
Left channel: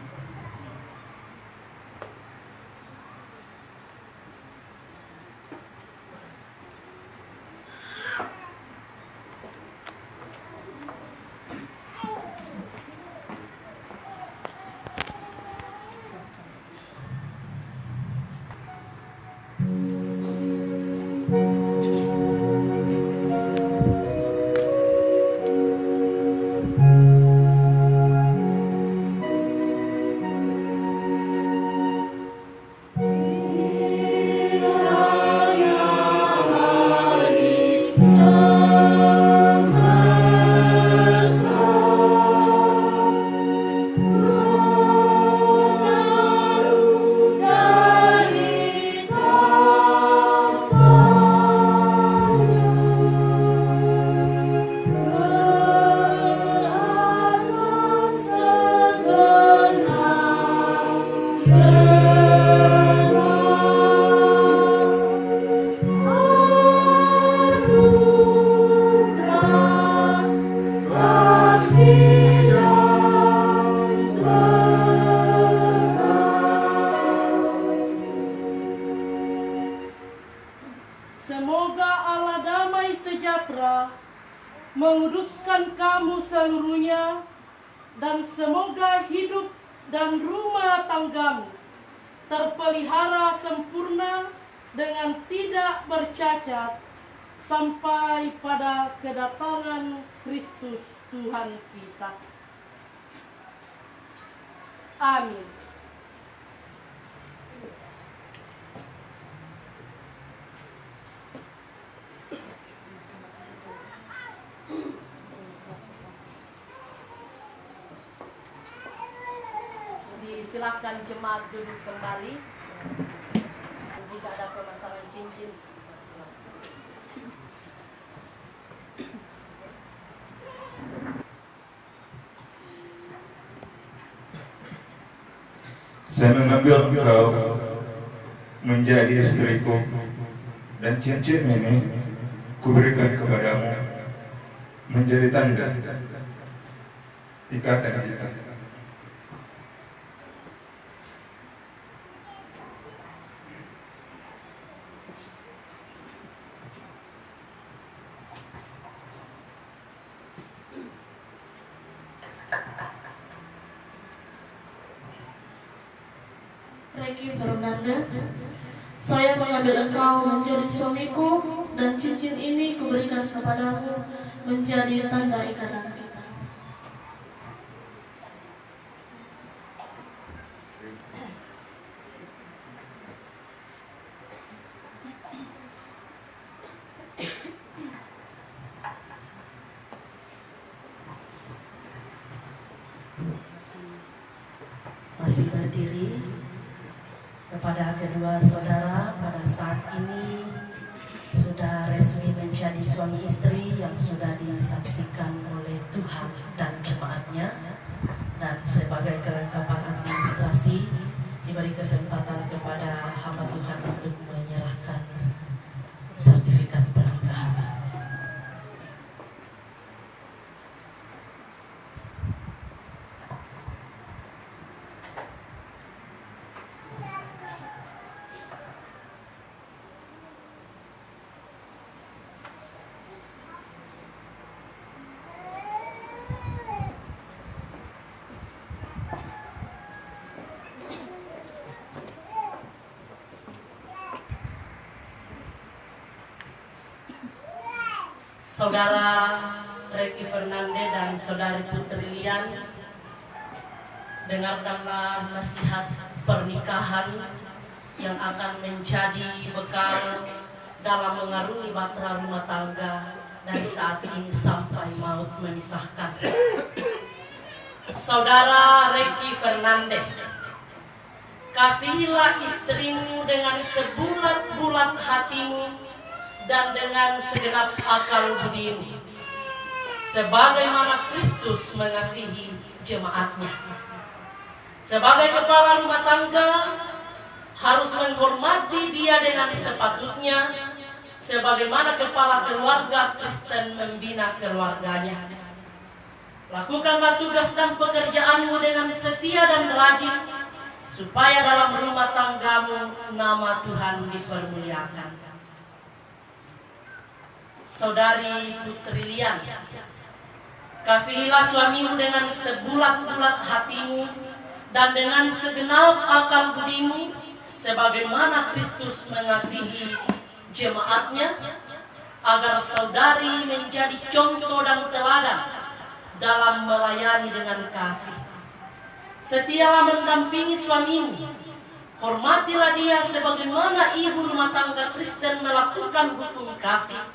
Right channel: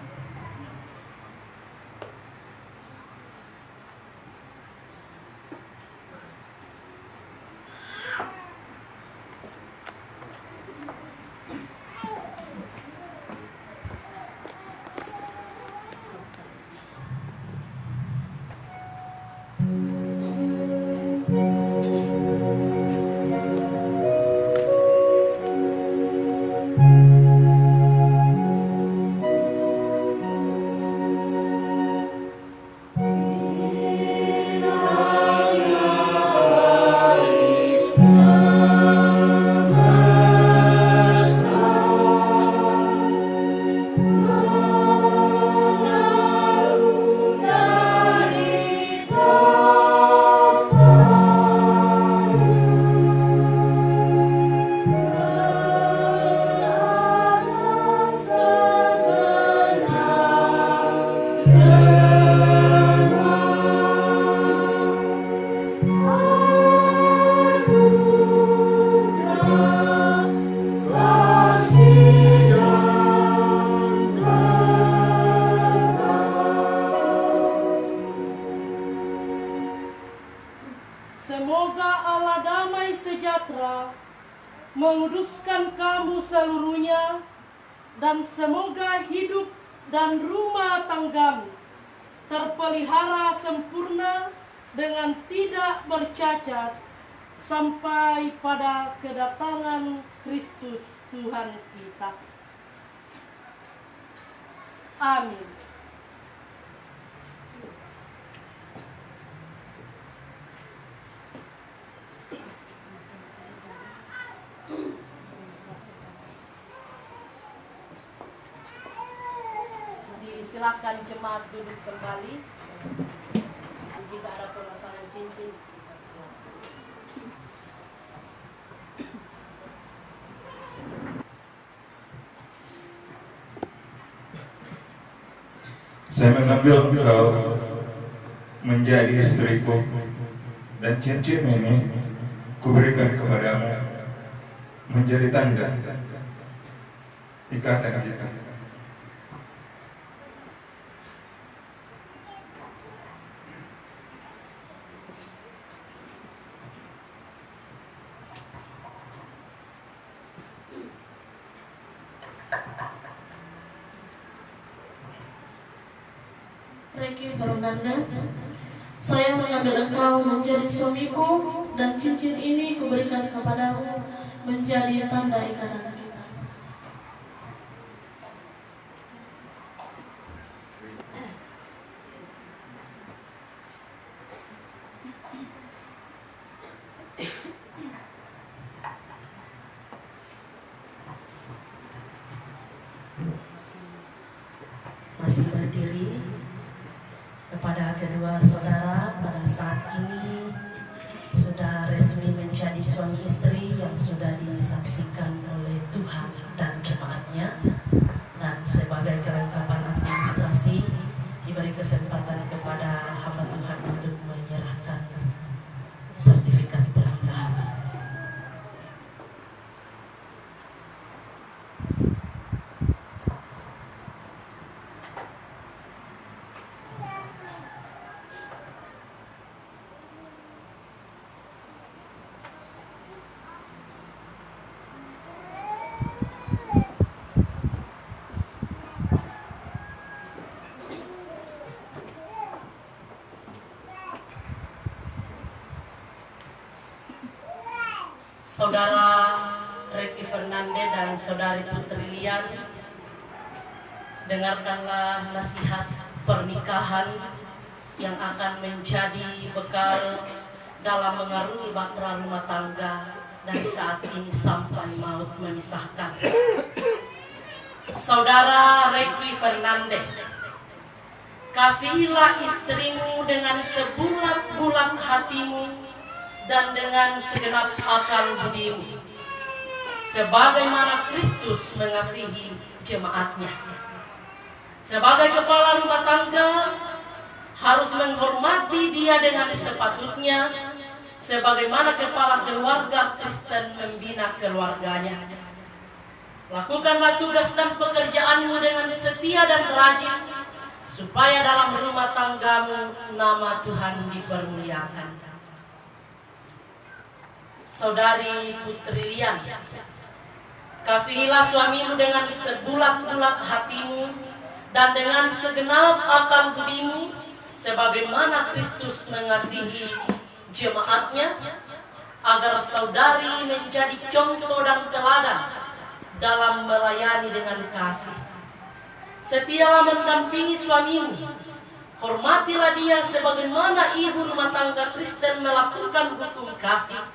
Semoga Allah damai sejahtera menguduskan kamu seluruhnya, dan semoga hidup dan rumah tanggamu terpelihara sempurna dengan tidak bercacat sampai pada kedatangan Kristus Tuhan kita. Amin. Silakan jemaat duduk kembali. Jika ada pemasangan cincin, saya mengambil engkau menjadi istriku, dan cincin ini kuberikan kepadamu menjadi tanda ikatan kita. Ricky Fernanda, saya mengambil engkau menjadi suamiku dan cincin ini kuberikan kepadamu menjadi tanda ikatan kita. Masih berdiri. Kepada kedua saudara, pada saat ini sudah resmi menjadi suami istri yang sudah disaksikan oleh Tuhan dan jemaatnya, dan sebagai kelengkapan administrasi diberi kesempatan kepada hamba Tuhan untuk menyerahkan sertifikat pernikahan. Saudara Ricky Fernanda dan Saudari Putri Lian, dengarkanlah nasihat pernikahan yang akan menjadi bekal dalam mengarungi bahtera rumah tangga dari saat ini sampai maut memisahkan. Saudara Ricky Fernanda, kasihilah istrimu dengan sebulat-bulat hatimu dan dengan segenap akal budimu, sebagaimana Kristus mengasihi jemaatnya. Sebagai kepala rumah tangga, harus menghormati dia dengan sepatutnya, sebagaimana kepala keluarga Kristen membina keluarganya. Lakukanlah tugas dan pekerjaanmu dengan setia dan rajin, supaya dalam rumah tanggamu nama Tuhan dipermuliakan. Saudari Putri Lian, kasihilah suamimu dengan sebulat-bulat hatimu dan dengan segenap akal budimu, sebagaimana Kristus mengasihi jemaatnya, agar saudari menjadi contoh dan teladan dalam melayani dengan kasih. Setialah mendampingi suamimu, hormatilah dia sebagaimana ibu rumah tangga Kristen melakukan hukum kasih,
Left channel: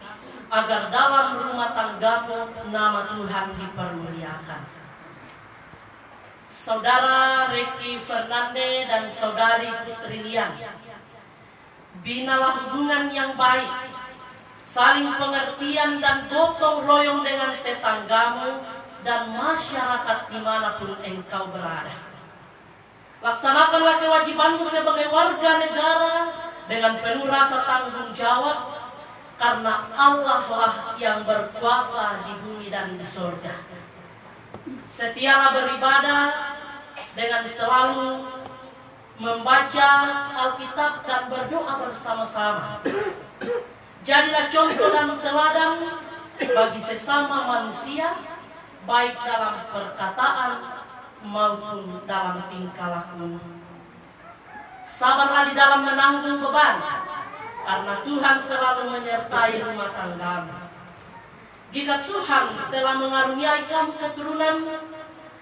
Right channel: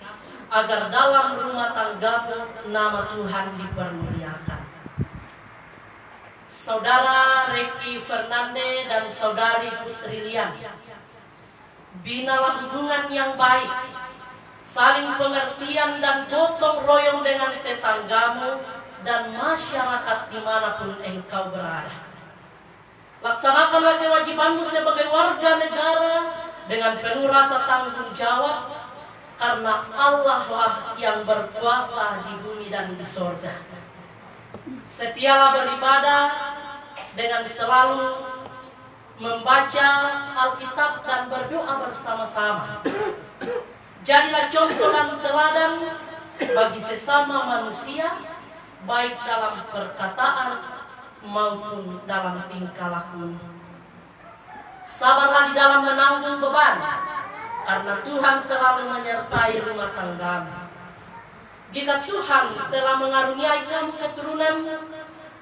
agar dalam rumah tanggamu nama Tuhan dipermuliakan. Saudara Ricky Fernanda dan Saudari Putri Lian, binalah hubungan yang baik, saling pengertian dan gotong royong dengan tetanggamu dan masyarakat dimanapun engkau berada. Laksanakanlah kewajibanmu sebagai warga negara dengan penuh rasa tanggung jawab, karena Allah lah yang berkuasa di bumi dan di sorga. Setialah beribadah dengan selalu membaca Alkitab dan berdoa bersama-sama. Jadilah contoh dan teladan bagi sesama manusia, baik dalam perkataan maupun dalam tingkah laku. Sabarlah di dalam menanggung beban, karena Tuhan selalu menyertai rumah tanggamu. Jika Tuhan telah mengaruniai kamu keturunan,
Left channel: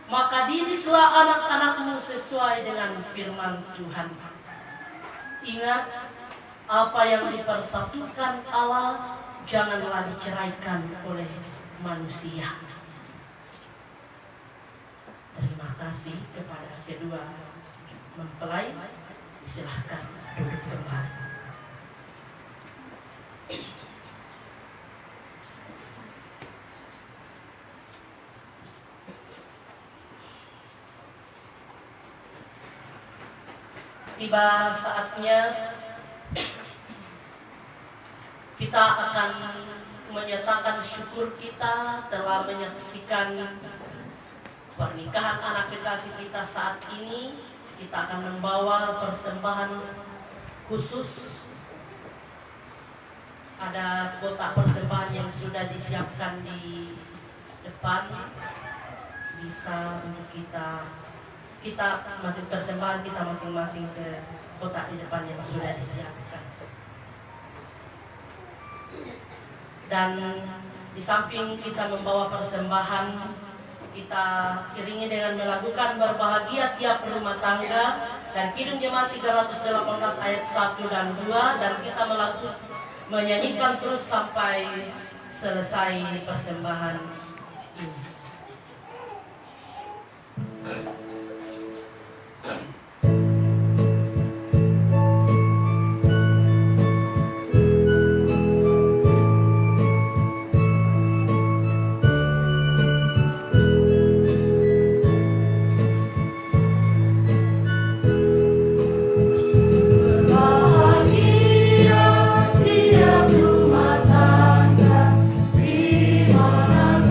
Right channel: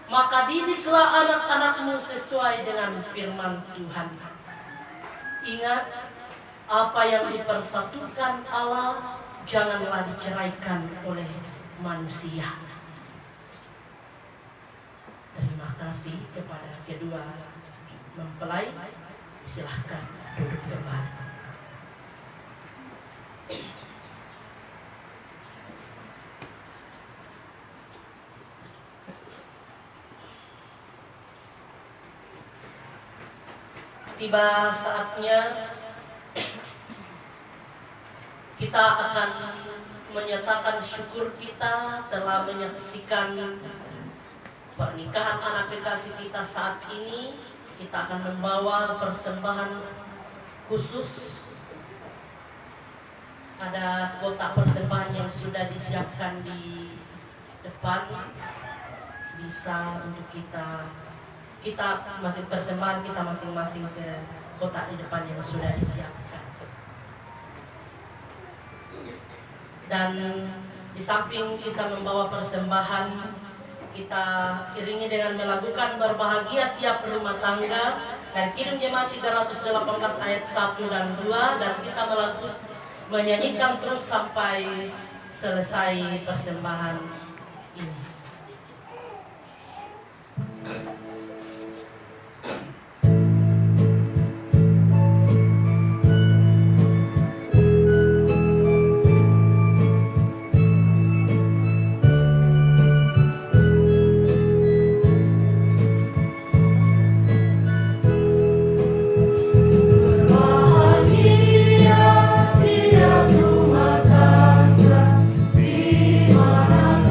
maka didiklah anak-anakmu sesuai dengan firman Tuhan. Ingat, apa yang dipersatukan Allah janganlah diceraikan oleh manusia. Terima kasih kepada kedua mempelai. Silahkan duduk kembali. Tiba saatnya kita akan menyatakan syukur kita telah menyaksikan pernikahan anak kekasih kita saat ini. Kita akan membawa persembahan khusus. Ada kotak persembahan yang sudah disiapkan di depan. Bisa untuk kita masih persembahan kita masing-masing ke kotak di depan yang sudah disiapkan. Dan di samping kita membawa persembahan, kita iringi dengan melakukan berbahagia tiap rumah tangga dan Kidung Jemaat 318 ayat 1 dan 2, dan kita menyanyikan terus sampai selesai persembahan ini. Tiap rumah tangga di manakah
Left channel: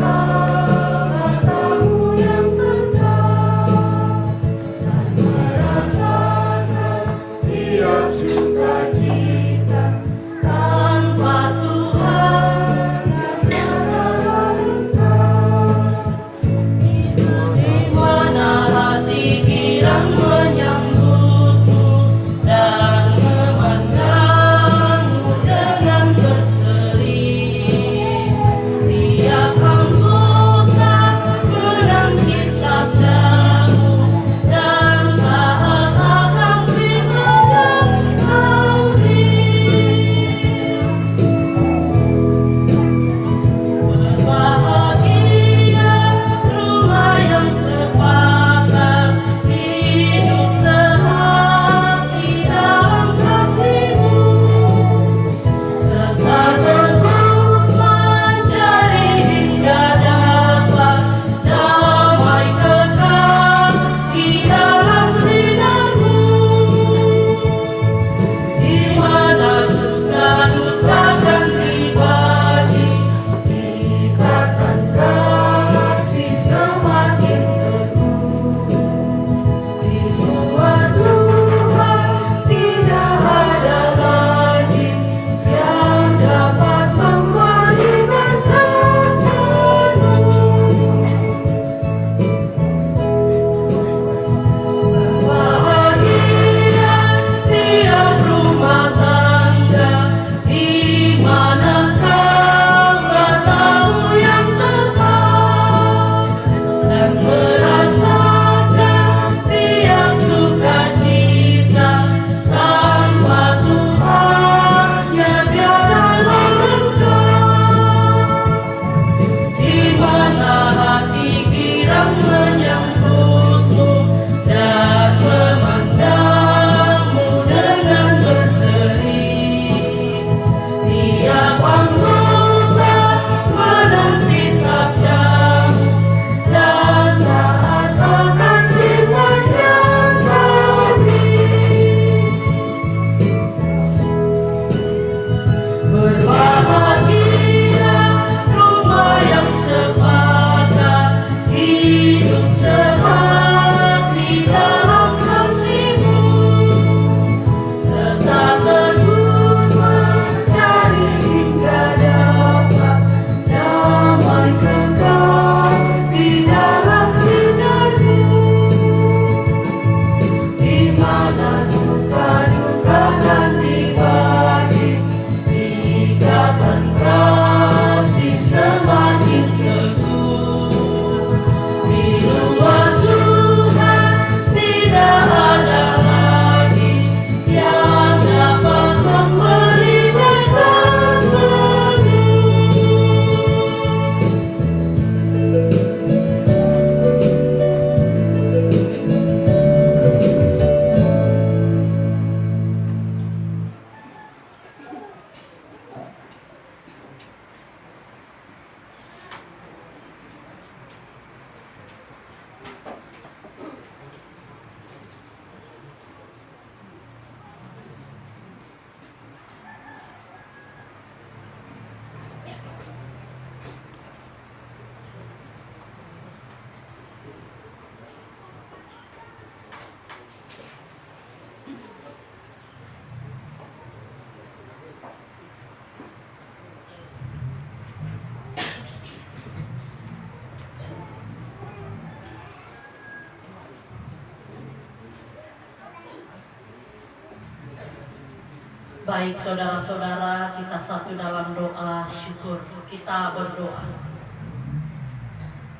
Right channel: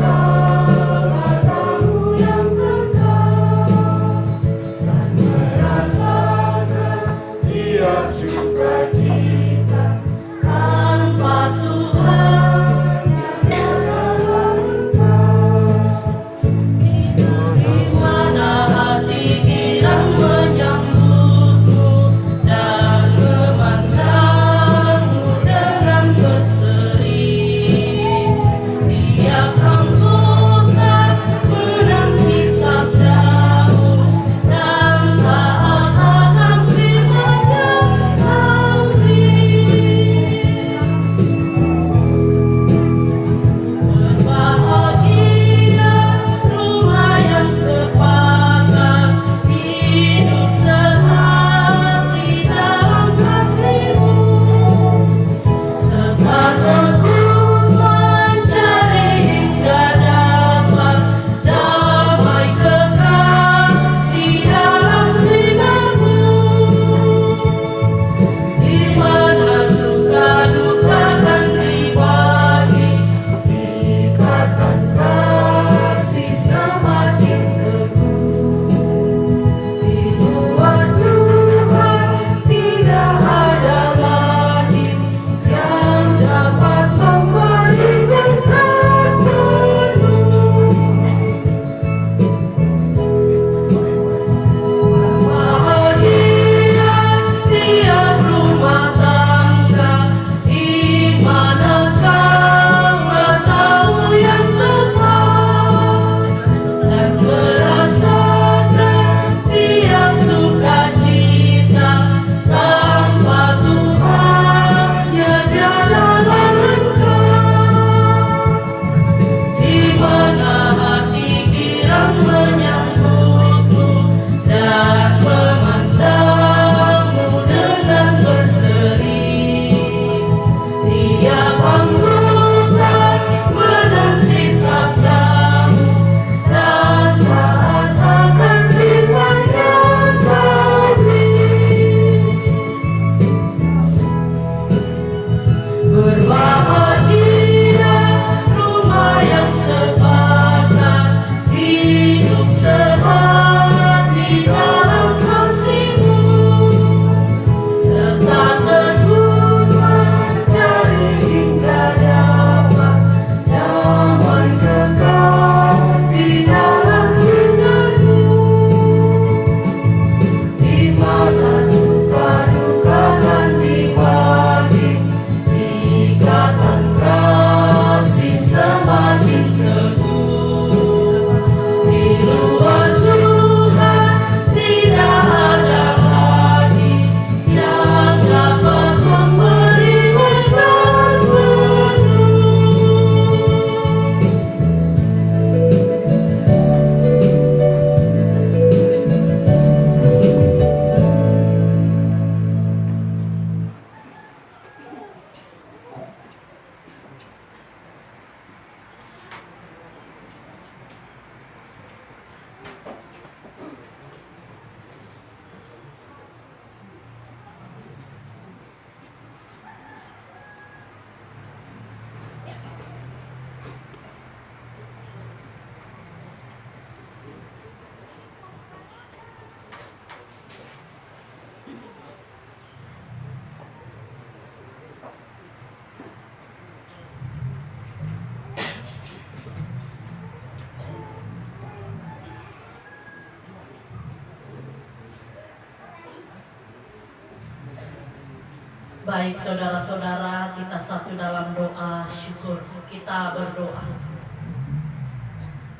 Baik saudara-saudara, kita satu dalam doa syukur. Kita berdoa.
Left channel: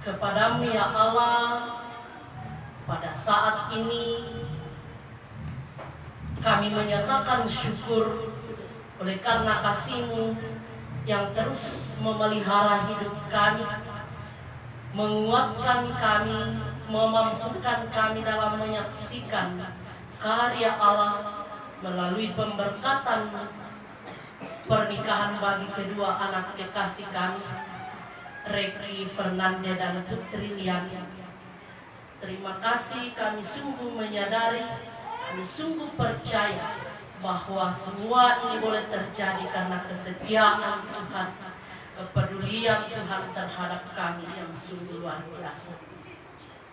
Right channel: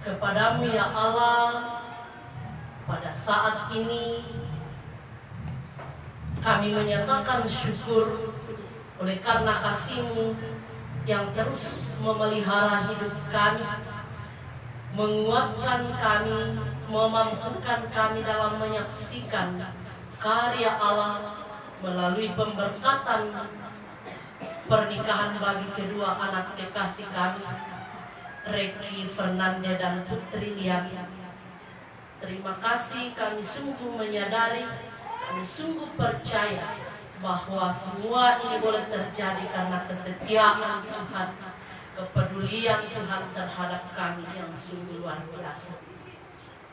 Kepadamu ya Allah, pada saat ini kami menyatakan syukur oleh karena kasih-Mu yang terus memelihara hidup kami, menguatkan kami, memampukan kami dalam menyaksikan karya Allah melalui pemberkatan pernikahan bagi kedua anak kekasih kami, Reki Fernande dan Putri Liani. Terima kasih, kami sungguh menyadari, kami sungguh percaya bahwa semua ini boleh terjadi karena kesetiaan Tuhan, kepedulian Tuhan terhadap kami yang sungguh luar biasa.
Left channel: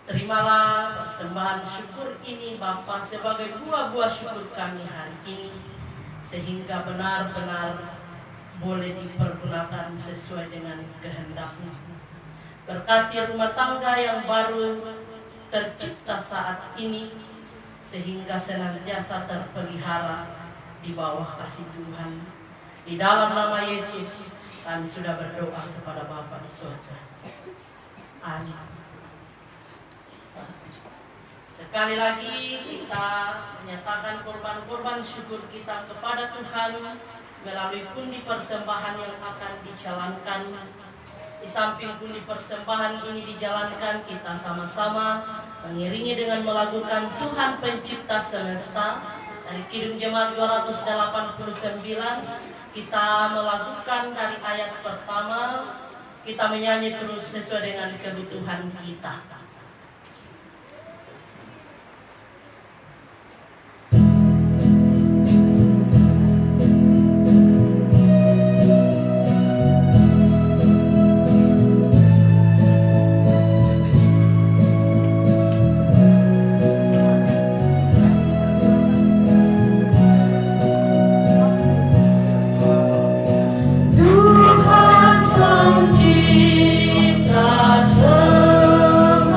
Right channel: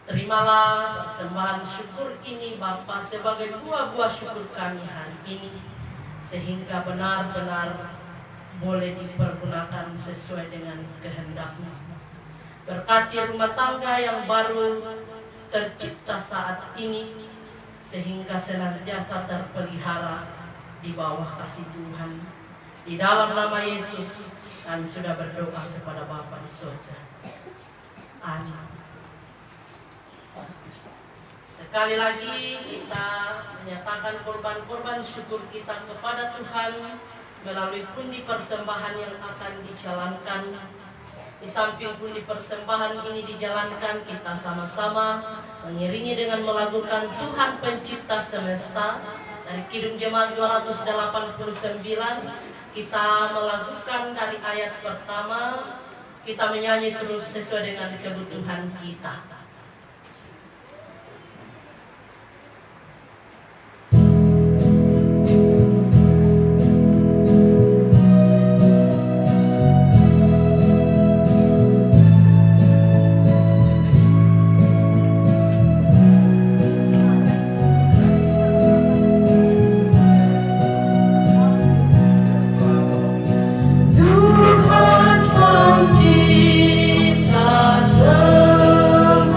Terimalah persembahan syukur ini Bapa sebagai buah-buah syukur kami hari ini, sehingga benar-benar boleh dipergunakan sesuai dengan kehendak-Mu. Berkati rumah tangga yang baru tercipta saat ini, sehingga senantiasa terpelihara di bawah kasih Tuhan. Di dalam nama Yesus kami sudah berdoa kepada Bapa di surga. Amin. Sekali lagi kita menyatakan korban-korban syukur kita kepada Tuhan melalui pundi persembahan yang akan dijalankan. Di samping pundi persembahan ini dijalankan, kita sama-sama mengiringi dengan melakukan Tuhan Pencipta Semesta dari Kidung Jemaat 289. Kita melakukan dari ayat pertama, kita menyanyi terus sesuai dengan kebutuhan kita. Tuhan pencipta semesta,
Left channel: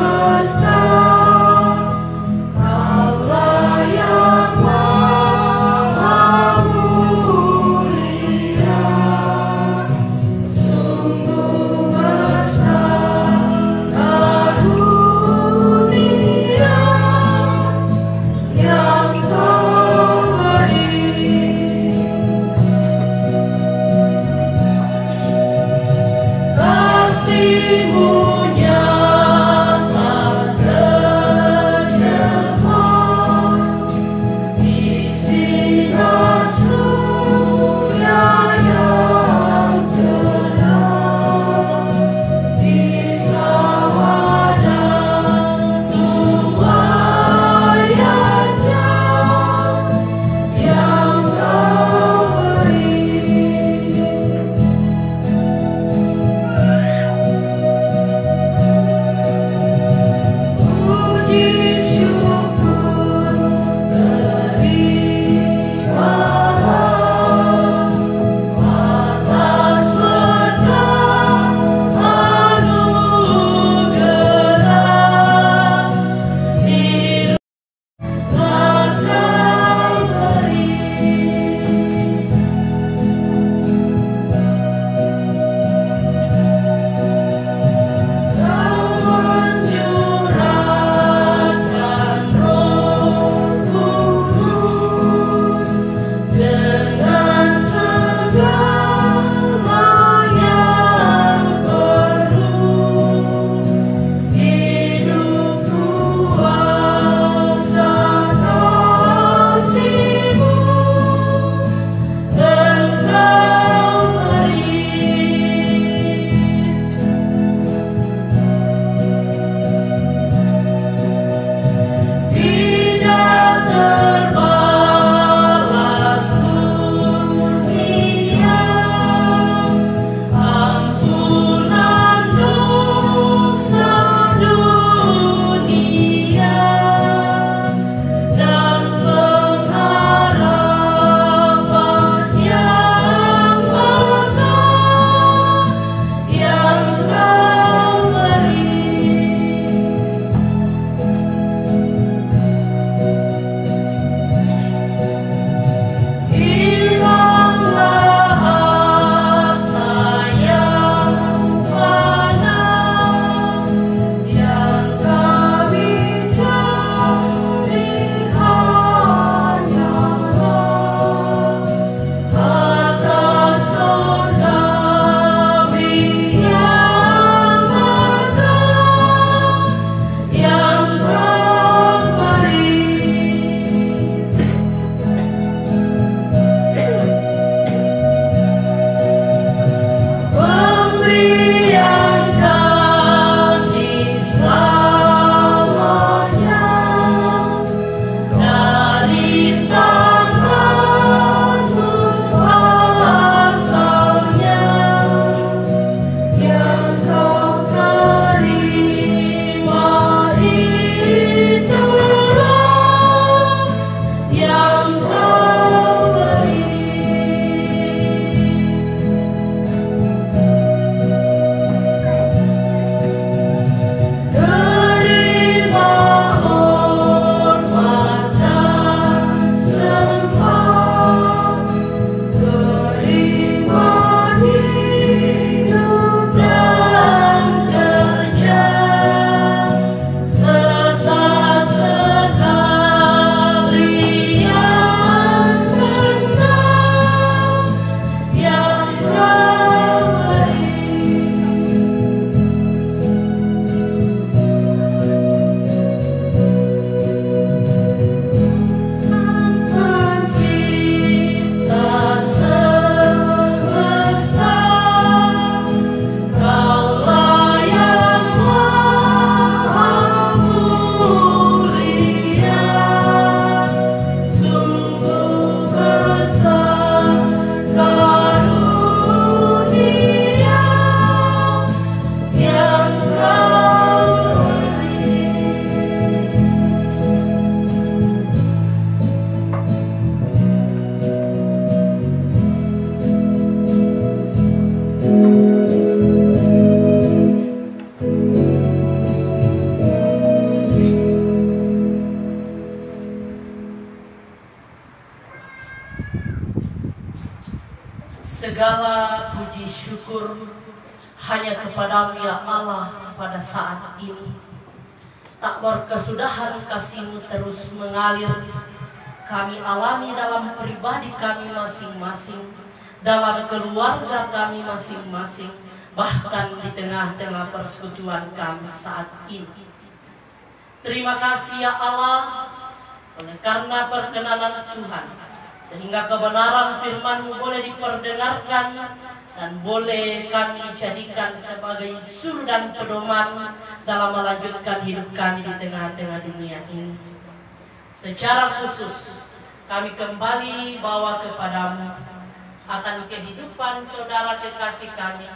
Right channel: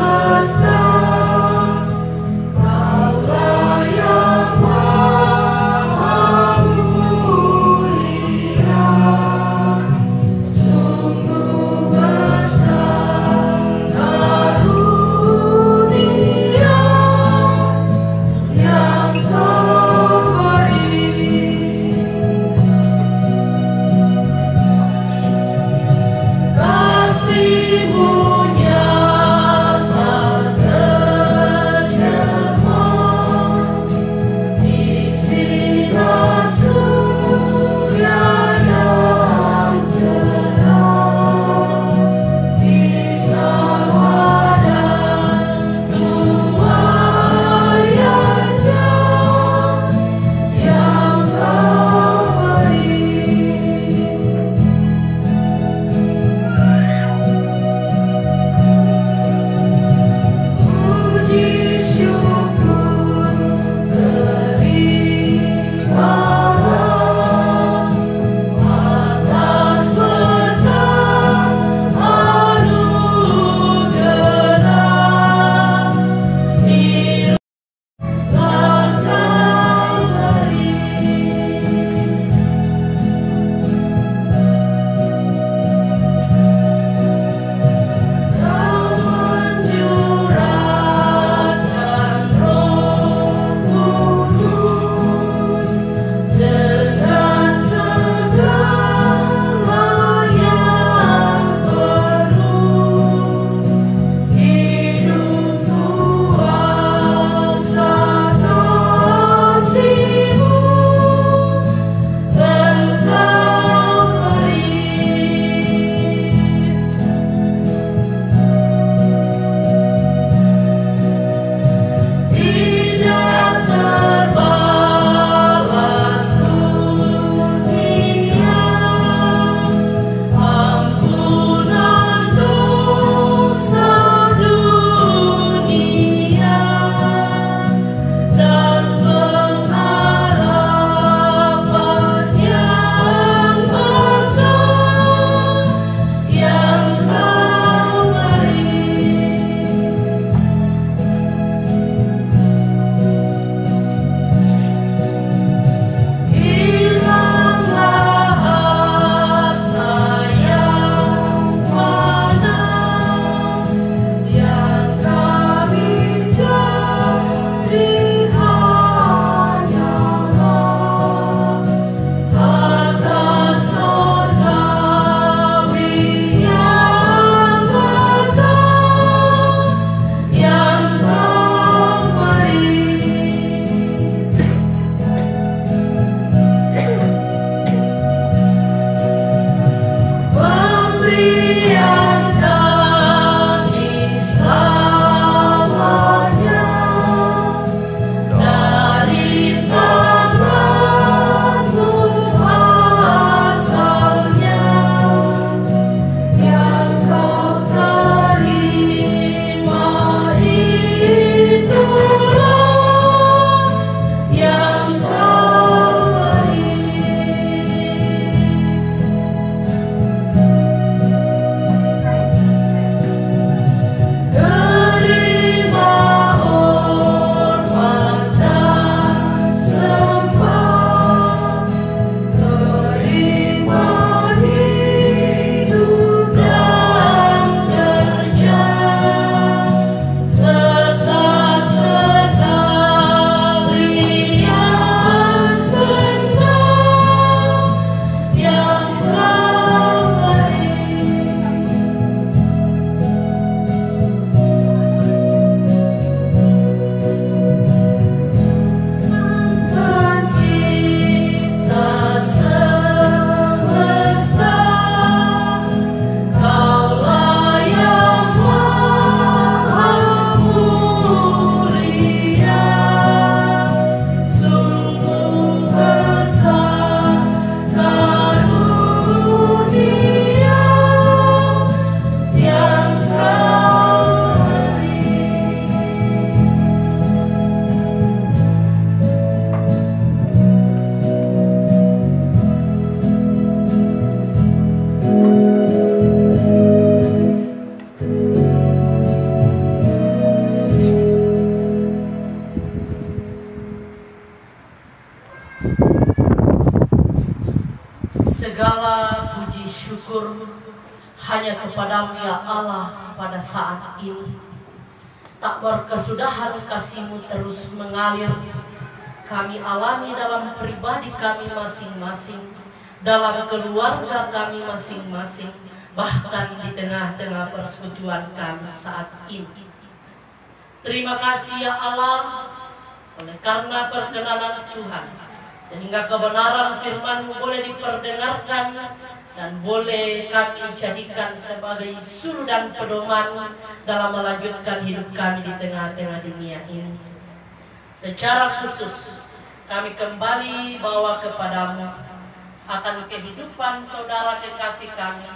segala puji syukur hanya kepadamu ya Allah pada saat ini. Tak berkesudahan kasih-Mu terus mengalir. Kami alami dalam pribadi kami masing-masing, dalam keluarga kami masing-masing, bahkan di tengah-tengah persekutuan kami saat ini. Terima kasih ya Allah, oleh karena perkenanan Tuhan, sehingga kebenaran firman-Mu boleh diperdengarkan dan boleh kami jadikan sebagai suluh dan pedoman dalam melanjutkan hidup kami di tengah-tengah dunia ini. Secara khusus kami kembali bawa kepadamu akan kehidupan saudara kekasih kami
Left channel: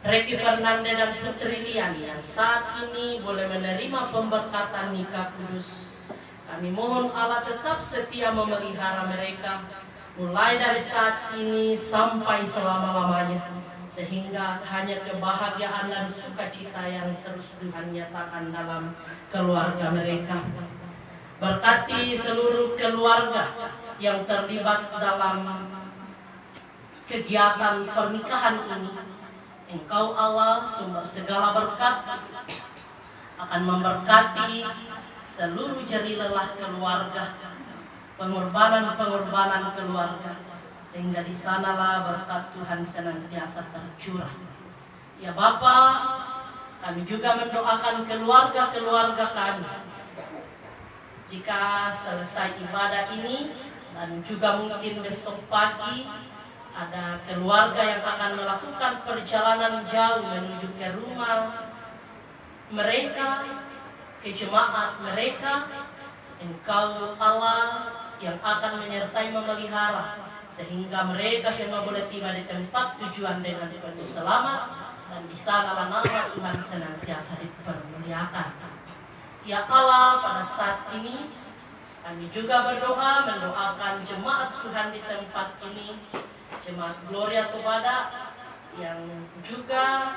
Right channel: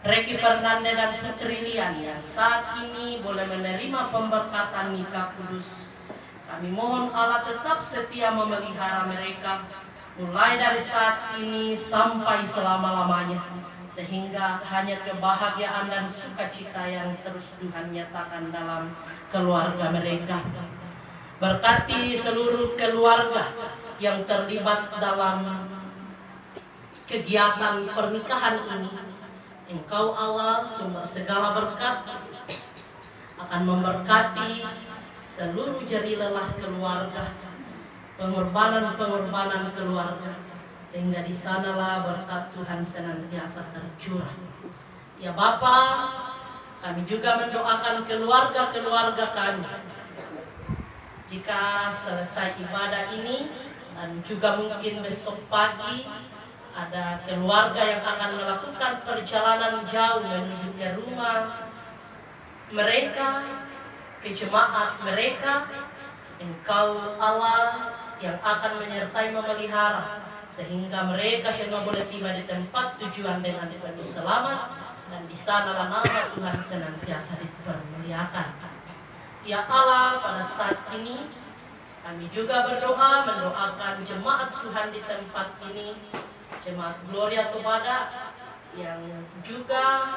Reki Fernanda dan Putri Lian yang saat ini boleh menerima pemberkatan nikah kudus. Kami mohon Allah tetap setia memelihara mereka mulai dari saat ini sampai selama-lamanya, sehingga hanya kebahagiaan dan sukacita yang terus Tuhan nyatakan dalam keluarga mereka. Berkati seluruh keluarga yang terlibat dalam kegiatan pernikahan ini. Engkau Allah sumber segala berkat akan memberkati seluruh jari lelah keluarga, pengorbanan keluarga, sehingga di sanalah berkat Tuhan senantiasa tercurah. Ya Bapa, kami juga mendoakan keluarga-keluarga kami. Jika selesai ibadah ini dan juga mungkin besok pagi ada keluarga yang akan melakukan perjalanan jauh menuju ke rumah mereka, ke jemaat mereka, Engkau Allah yang akan menyertai memelihara, sehingga mereka semua boleh tiba di tempat tujuan dengan penuh selamat, dan di sanalah nama Tuhan senantiasa dipermuliakan. Ya Allah, pada saat ini kami juga berdoa mendoakan jemaat Tuhan di tempat ini, Jemaat Gloria Tobada yang juga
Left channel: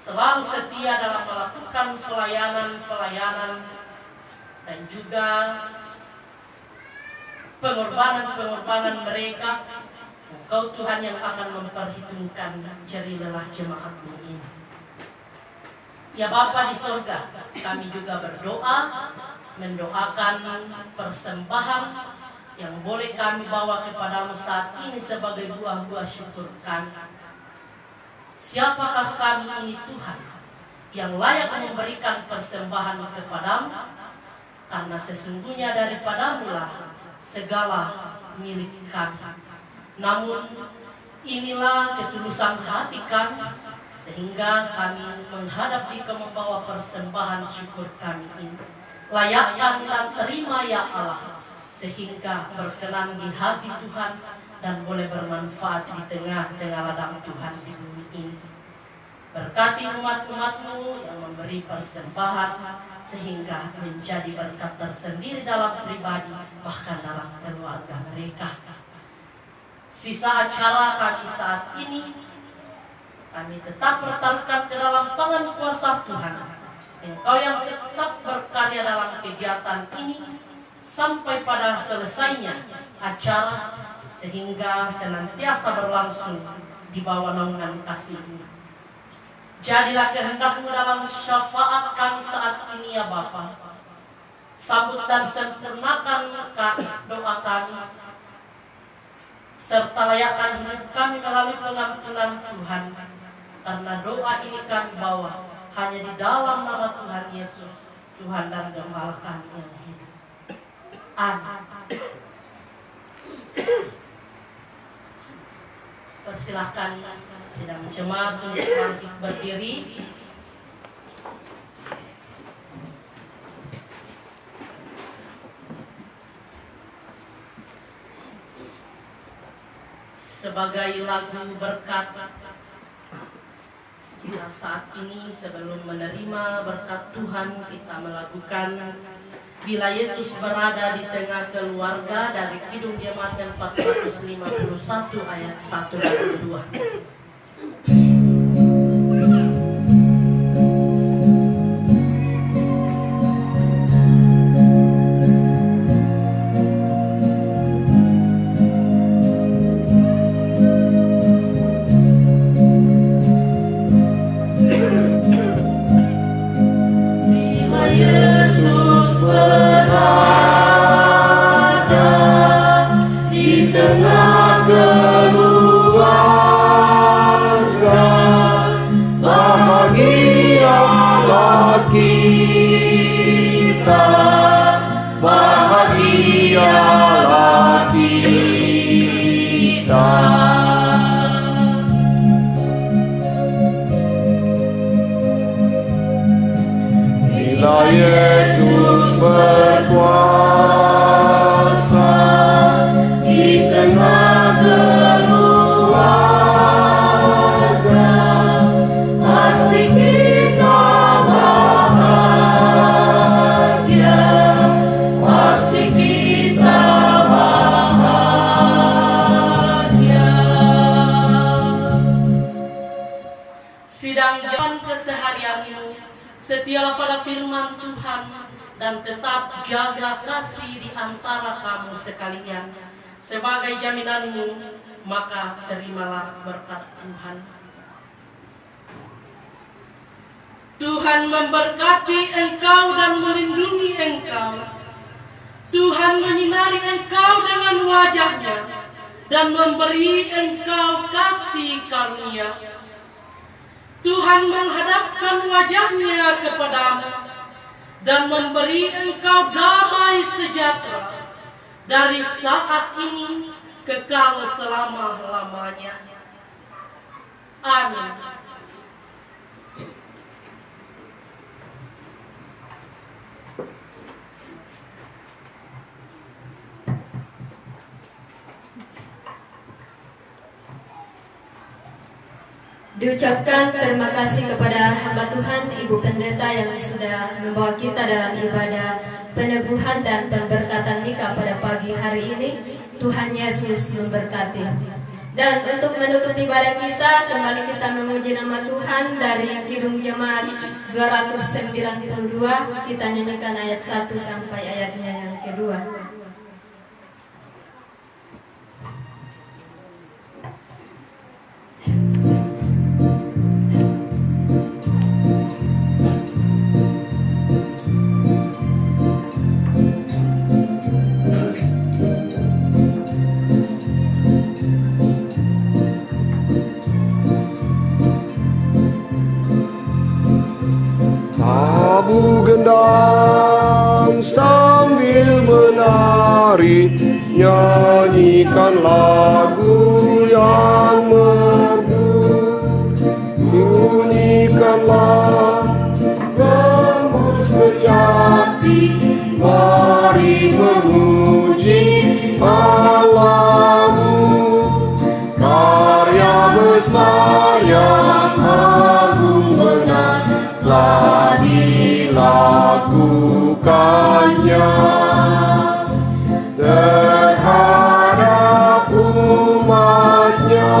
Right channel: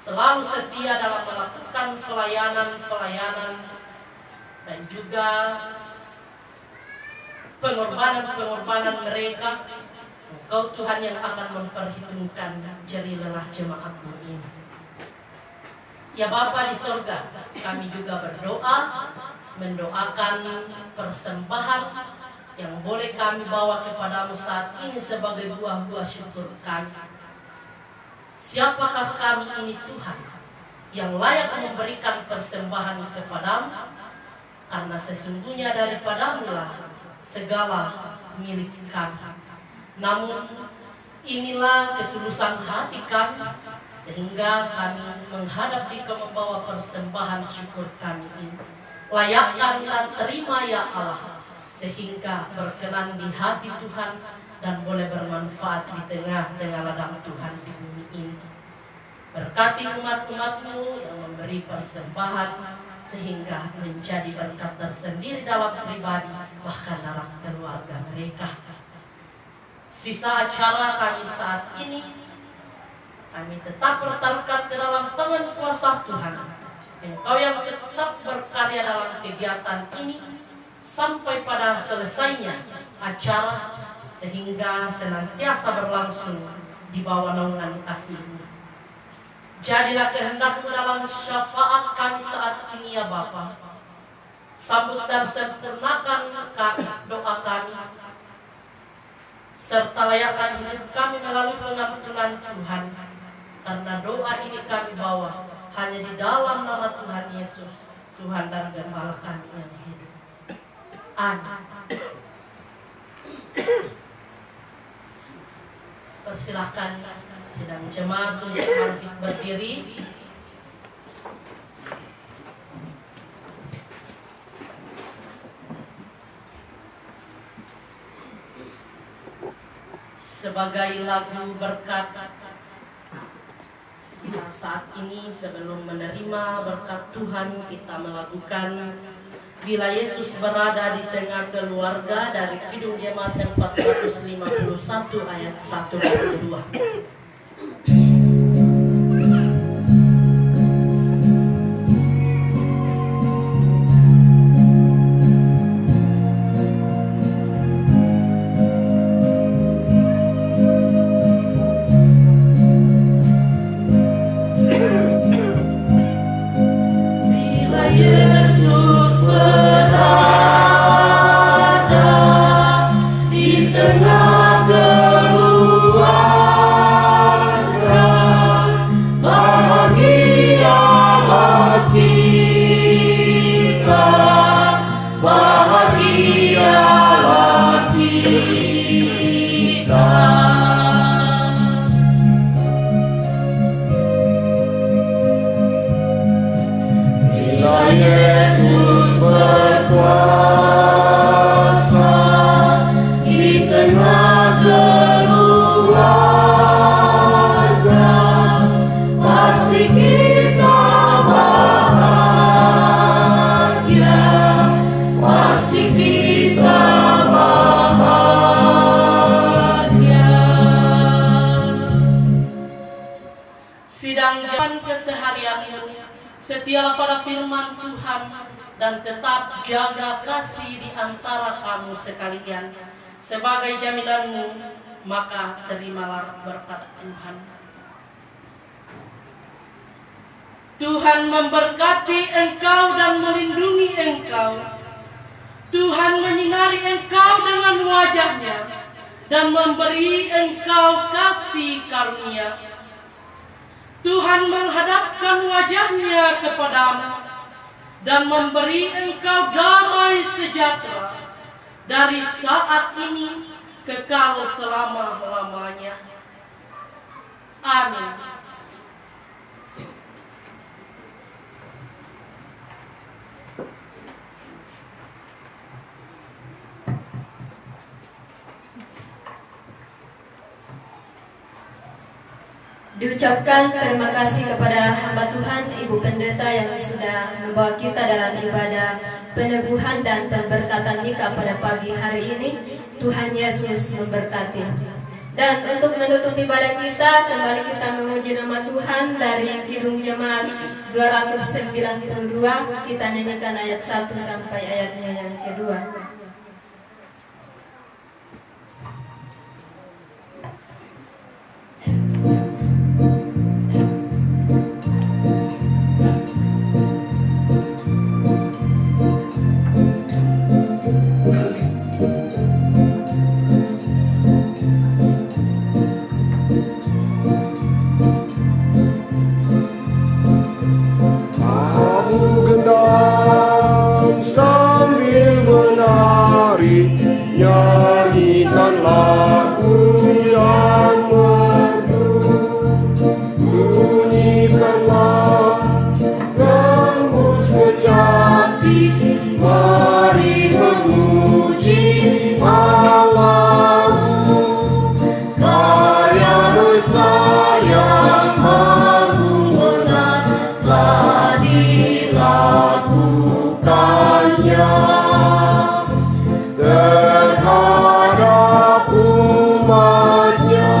selalu setia dalam melakukan pelayanan dan juga pengorbanan mereka. Engkau Tuhan yang akan memperhitungkan jeri lelah jemaat-Mu ini. Ya Bapa di sorga, kami juga berdoa mendoakan persembahan yang boleh kami bawa kepadamu saat ini sebagai buah-buah syukur kami. Siapakah kami ini Tuhan yang layak memberikan persembahan kepadamu? Karena sesungguhnya daripadamu lah segala milik kami. Namun inilah ketulusan hati kami, sehingga kami menghadap Dikau membawa persembahan syukur kami ini. Layakkan dan terima ya Allah, sehingga berkenan di hati Tuhan dan boleh bermanfaat di tengah-tengah ladang Tuhan di bumi ini. Berkati umat-umat-Mu yang memberi persembahan, sehingga menjadi berkat tersendiri dalam pribadi, bahkan dalam keluarga mereka. Sisa acara kami saat ini, kami tetap pertaruhkan ke dalam tangan kuasa Tuhan. Engkau yang tetap berkarya dalam kegiatan ini, sampai pada selesainya acara, sehingga senantiasa berlangsung di bawah naungan kasih-Mu. Jadilah kehendak-Mu dalam syafaat kami saat ini ya Bapa. Sambut dan sempurnakan doa kami, serta layakkan hidup kami melalui pengampunan Tuhan. Karena doa ini kami bawa hanya di dalam nama Tuhan Yesus, Tuhan dan Gembala kami yang hidup. Amin. Persilahkan sidang jemaat untuk bangkit berdiri. Sebagai lagu berkat, kita saat ini sebelum menerima berkat Tuhan, kita melakukan Bila Yesus Berada di Tengah Keluarga dari Kidung Jemaat 451 ayat 1 dan 2. Yesus berada di tengah keluarga, bahagialah kita, bahagialah kita. Bila Yesus berkuasa di tengah keluarga, pasti kita bahagia, pasti kita bahagia. Sidang jalan keseharianmu, setialah pada firman Tuhan dan tetap jaga kasih di antara kamu sekalian. Sebagai jaminanmu, maka terimalah berkat Tuhan. Tuhan memberkati engkau dan melindungi engkau. Tuhan menyinari engkau dengan wajah-Nya dan memberi engkau kasih karunia. Tuhan menghadapkan wajah-Nya kepadamu dan memberi engkau damai sejahtera dari saat ini kekal selama-lamanya. Amin. Diucapkan terima kasih kepada hamba Tuhan Ibu Pendeta yang sudah membawa kita dalam ibadah penebuhan dan pemberkatan nikah pada pagi hari ini. Tuhan Yesus memberkati. Dan untuk menutup ibadah kita, kembali kita memuji nama Tuhan dari Kidung Jemaat 292. Kita nyanyikan ayat 1 sampai ayatnya yang kedua. Nyanyikan lagu yang merdu, bunyikanlah gambus kecapi, mari memuji Allahmu. Karya besar yang agung benar telah dilakukannya terhadap umatnya.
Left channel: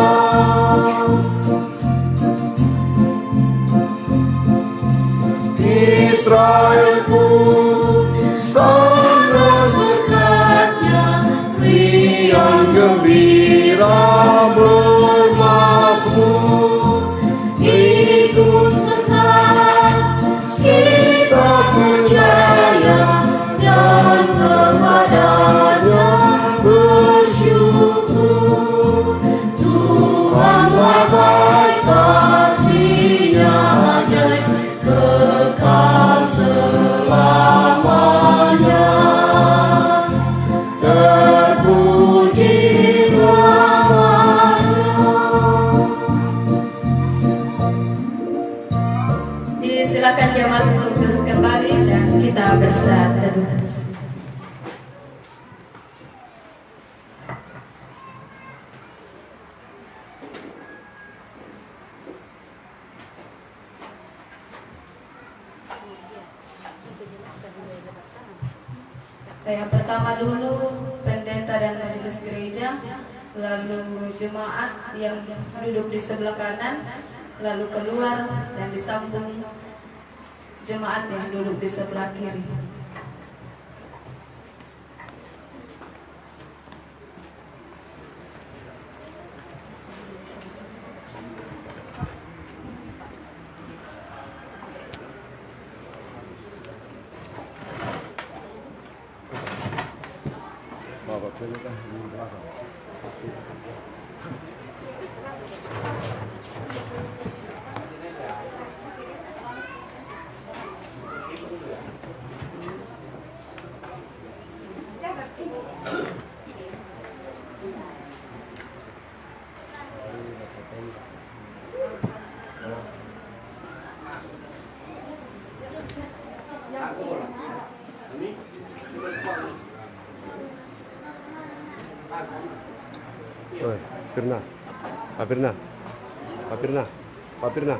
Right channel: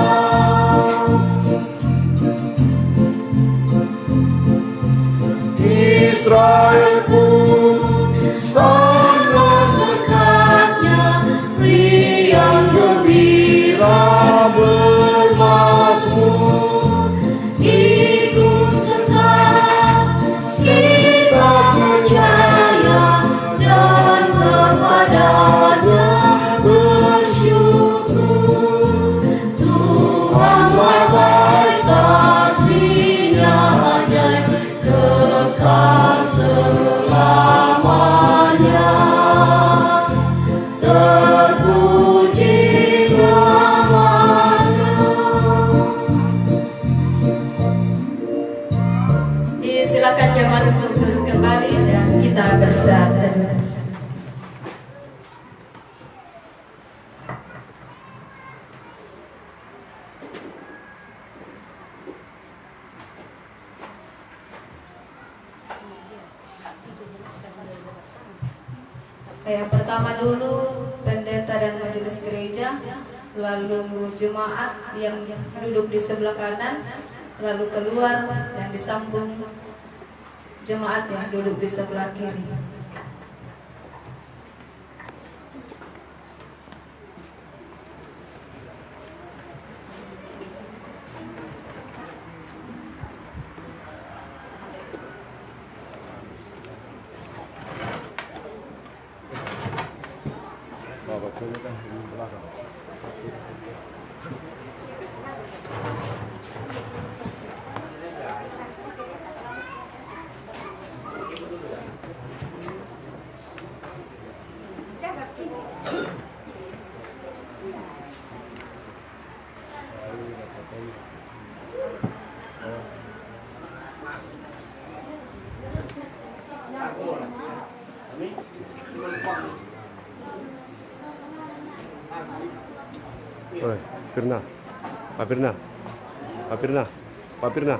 Israel pun sangat berkatnya, riang gembira bermasmur, ikut serta kita percaya dan kepadanya bersyukur. Tuhanlah baik, kasih-Nya ajaib, kekal selamanya. Terpuji namanya. Disilakan jemaat untuk duduk kembali dan kita bersatu. Yang pertama dulu pendeta dan majelis gereja, lalu jemaat yang duduk di sebelah kanan, lalu keluar dan disambung jemaat yang duduk di sebelah kiri. Oi, Firna. Pak Firna. Pak Firna. Pak Firna.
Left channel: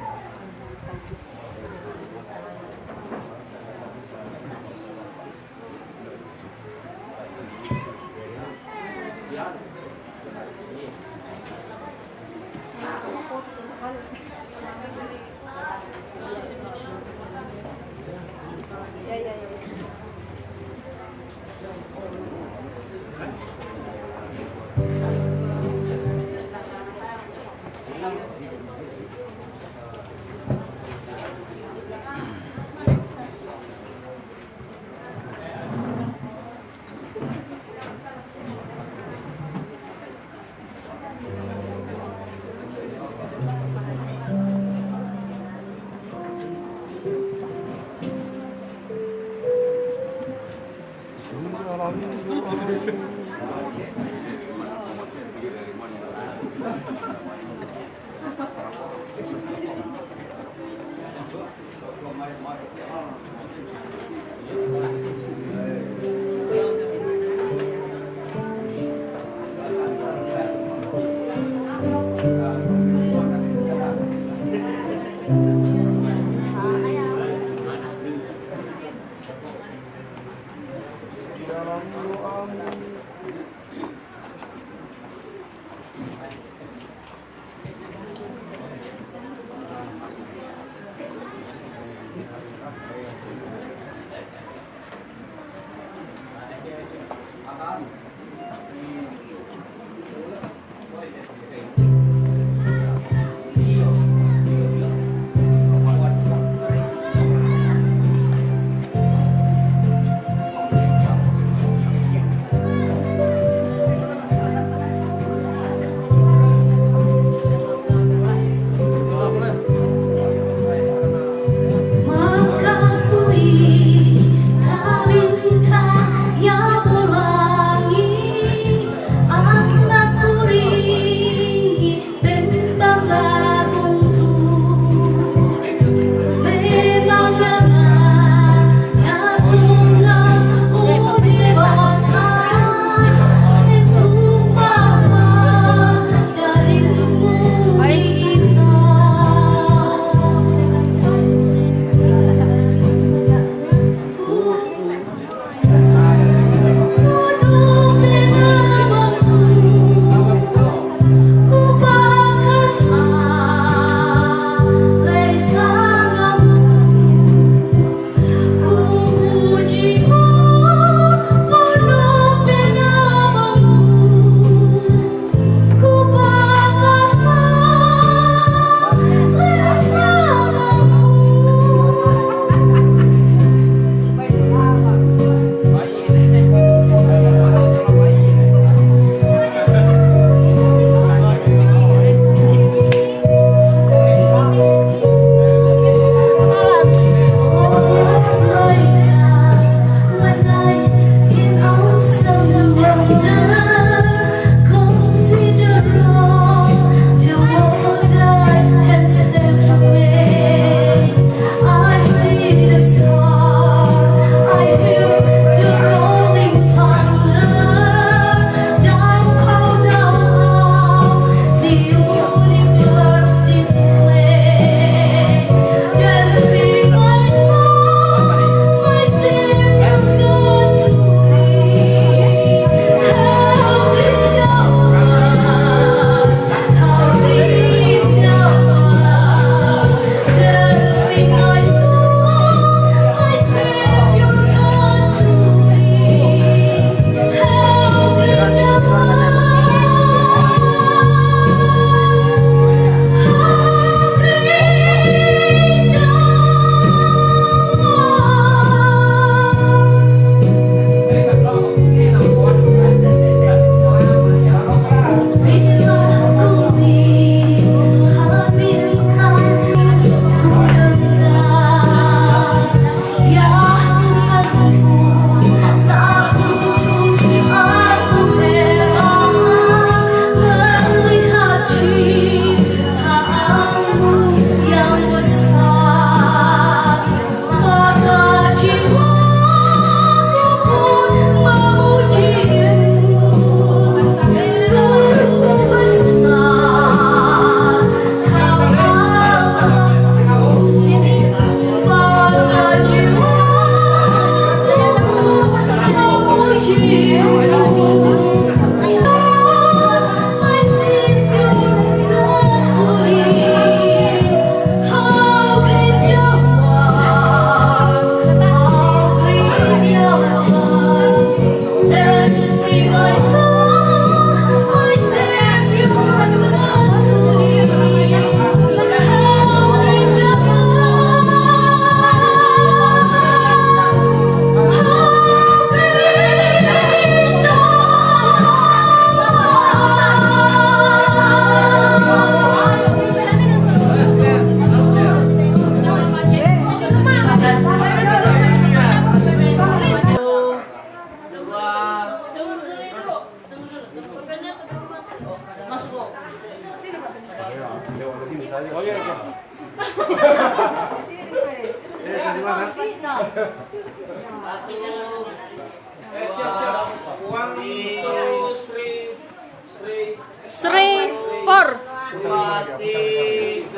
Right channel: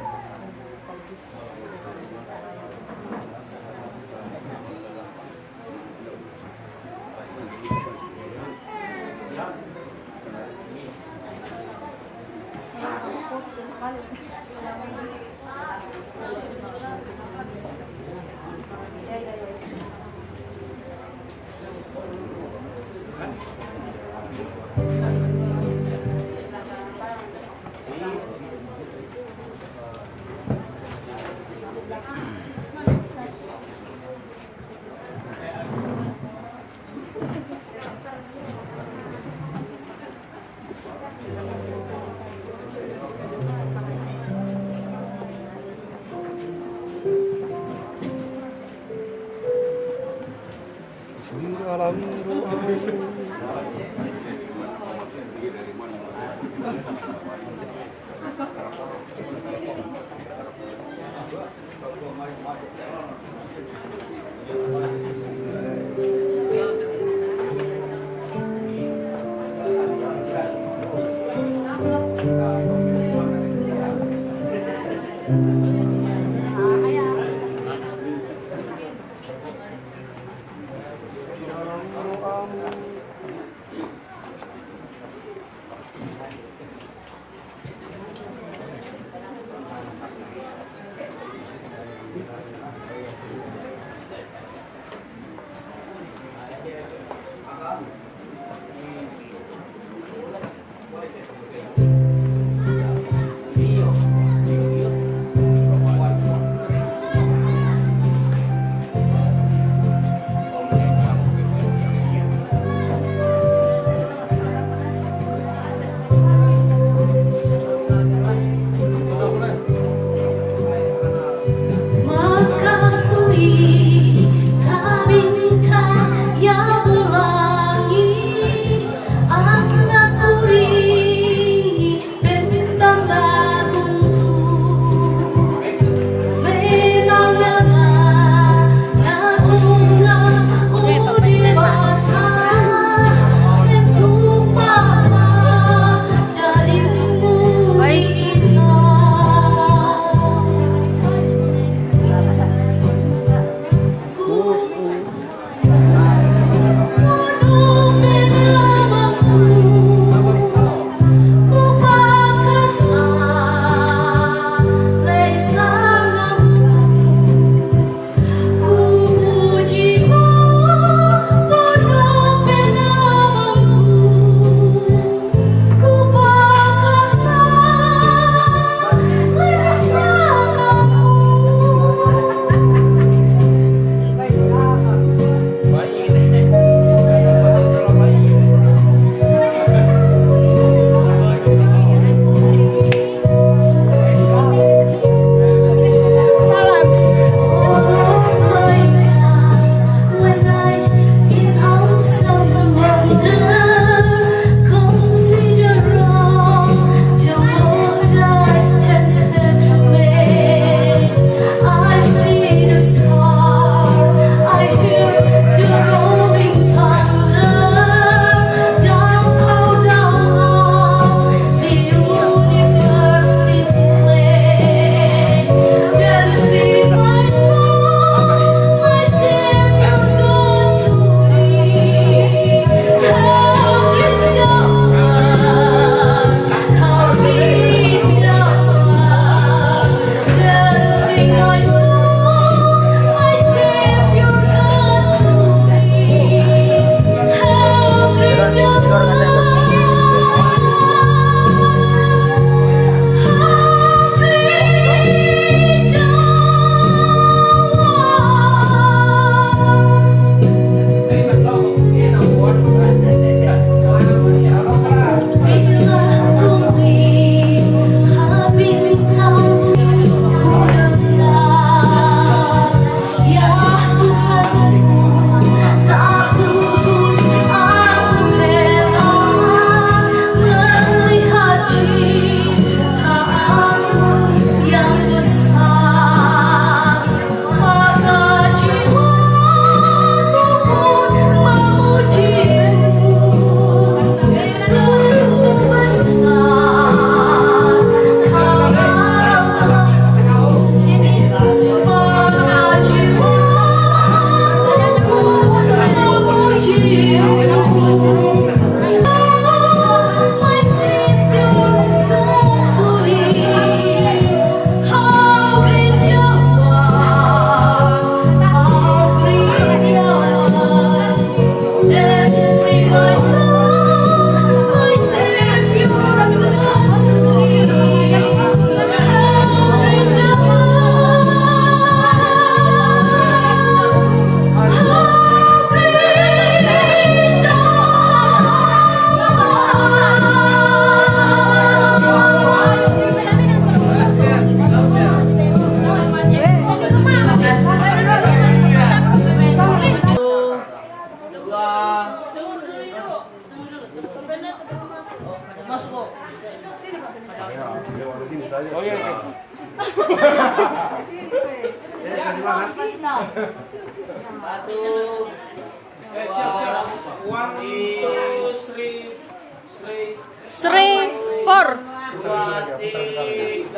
Sri Por. 2, 3.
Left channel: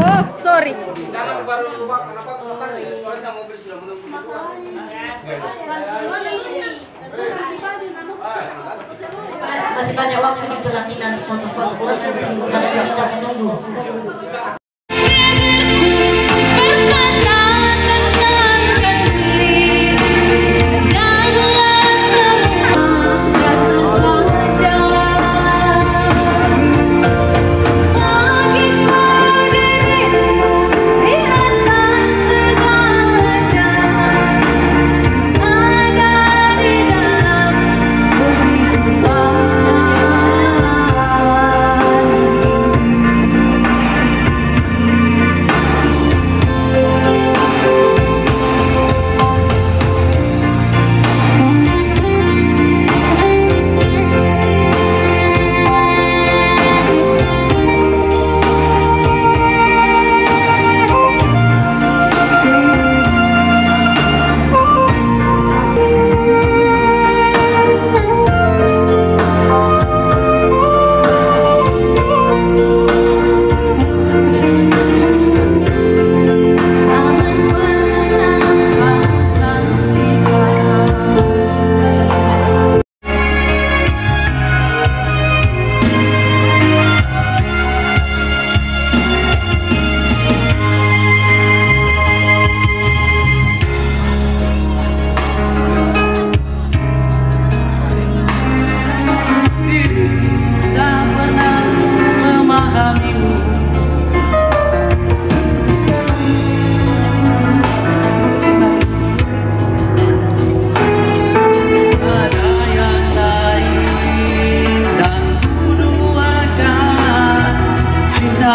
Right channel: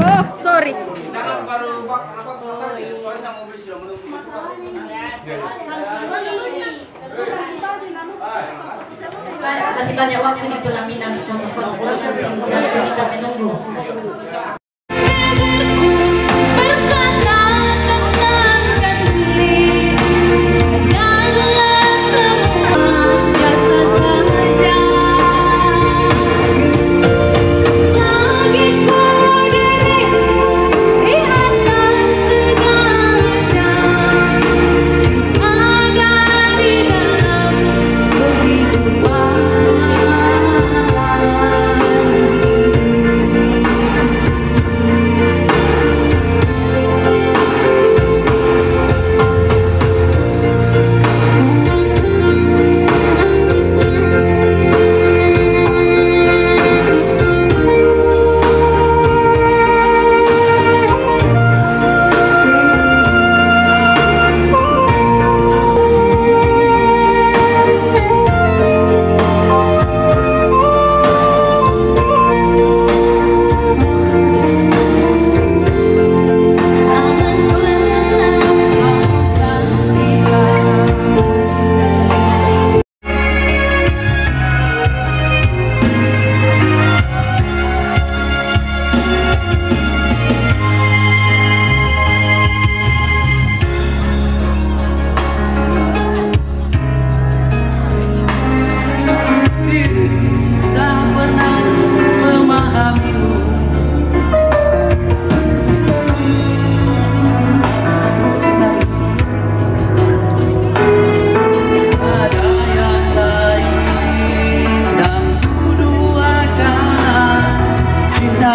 Oh, sorry. Masih banyak waktu di pelaminan foto-foto kita menunggu. cinta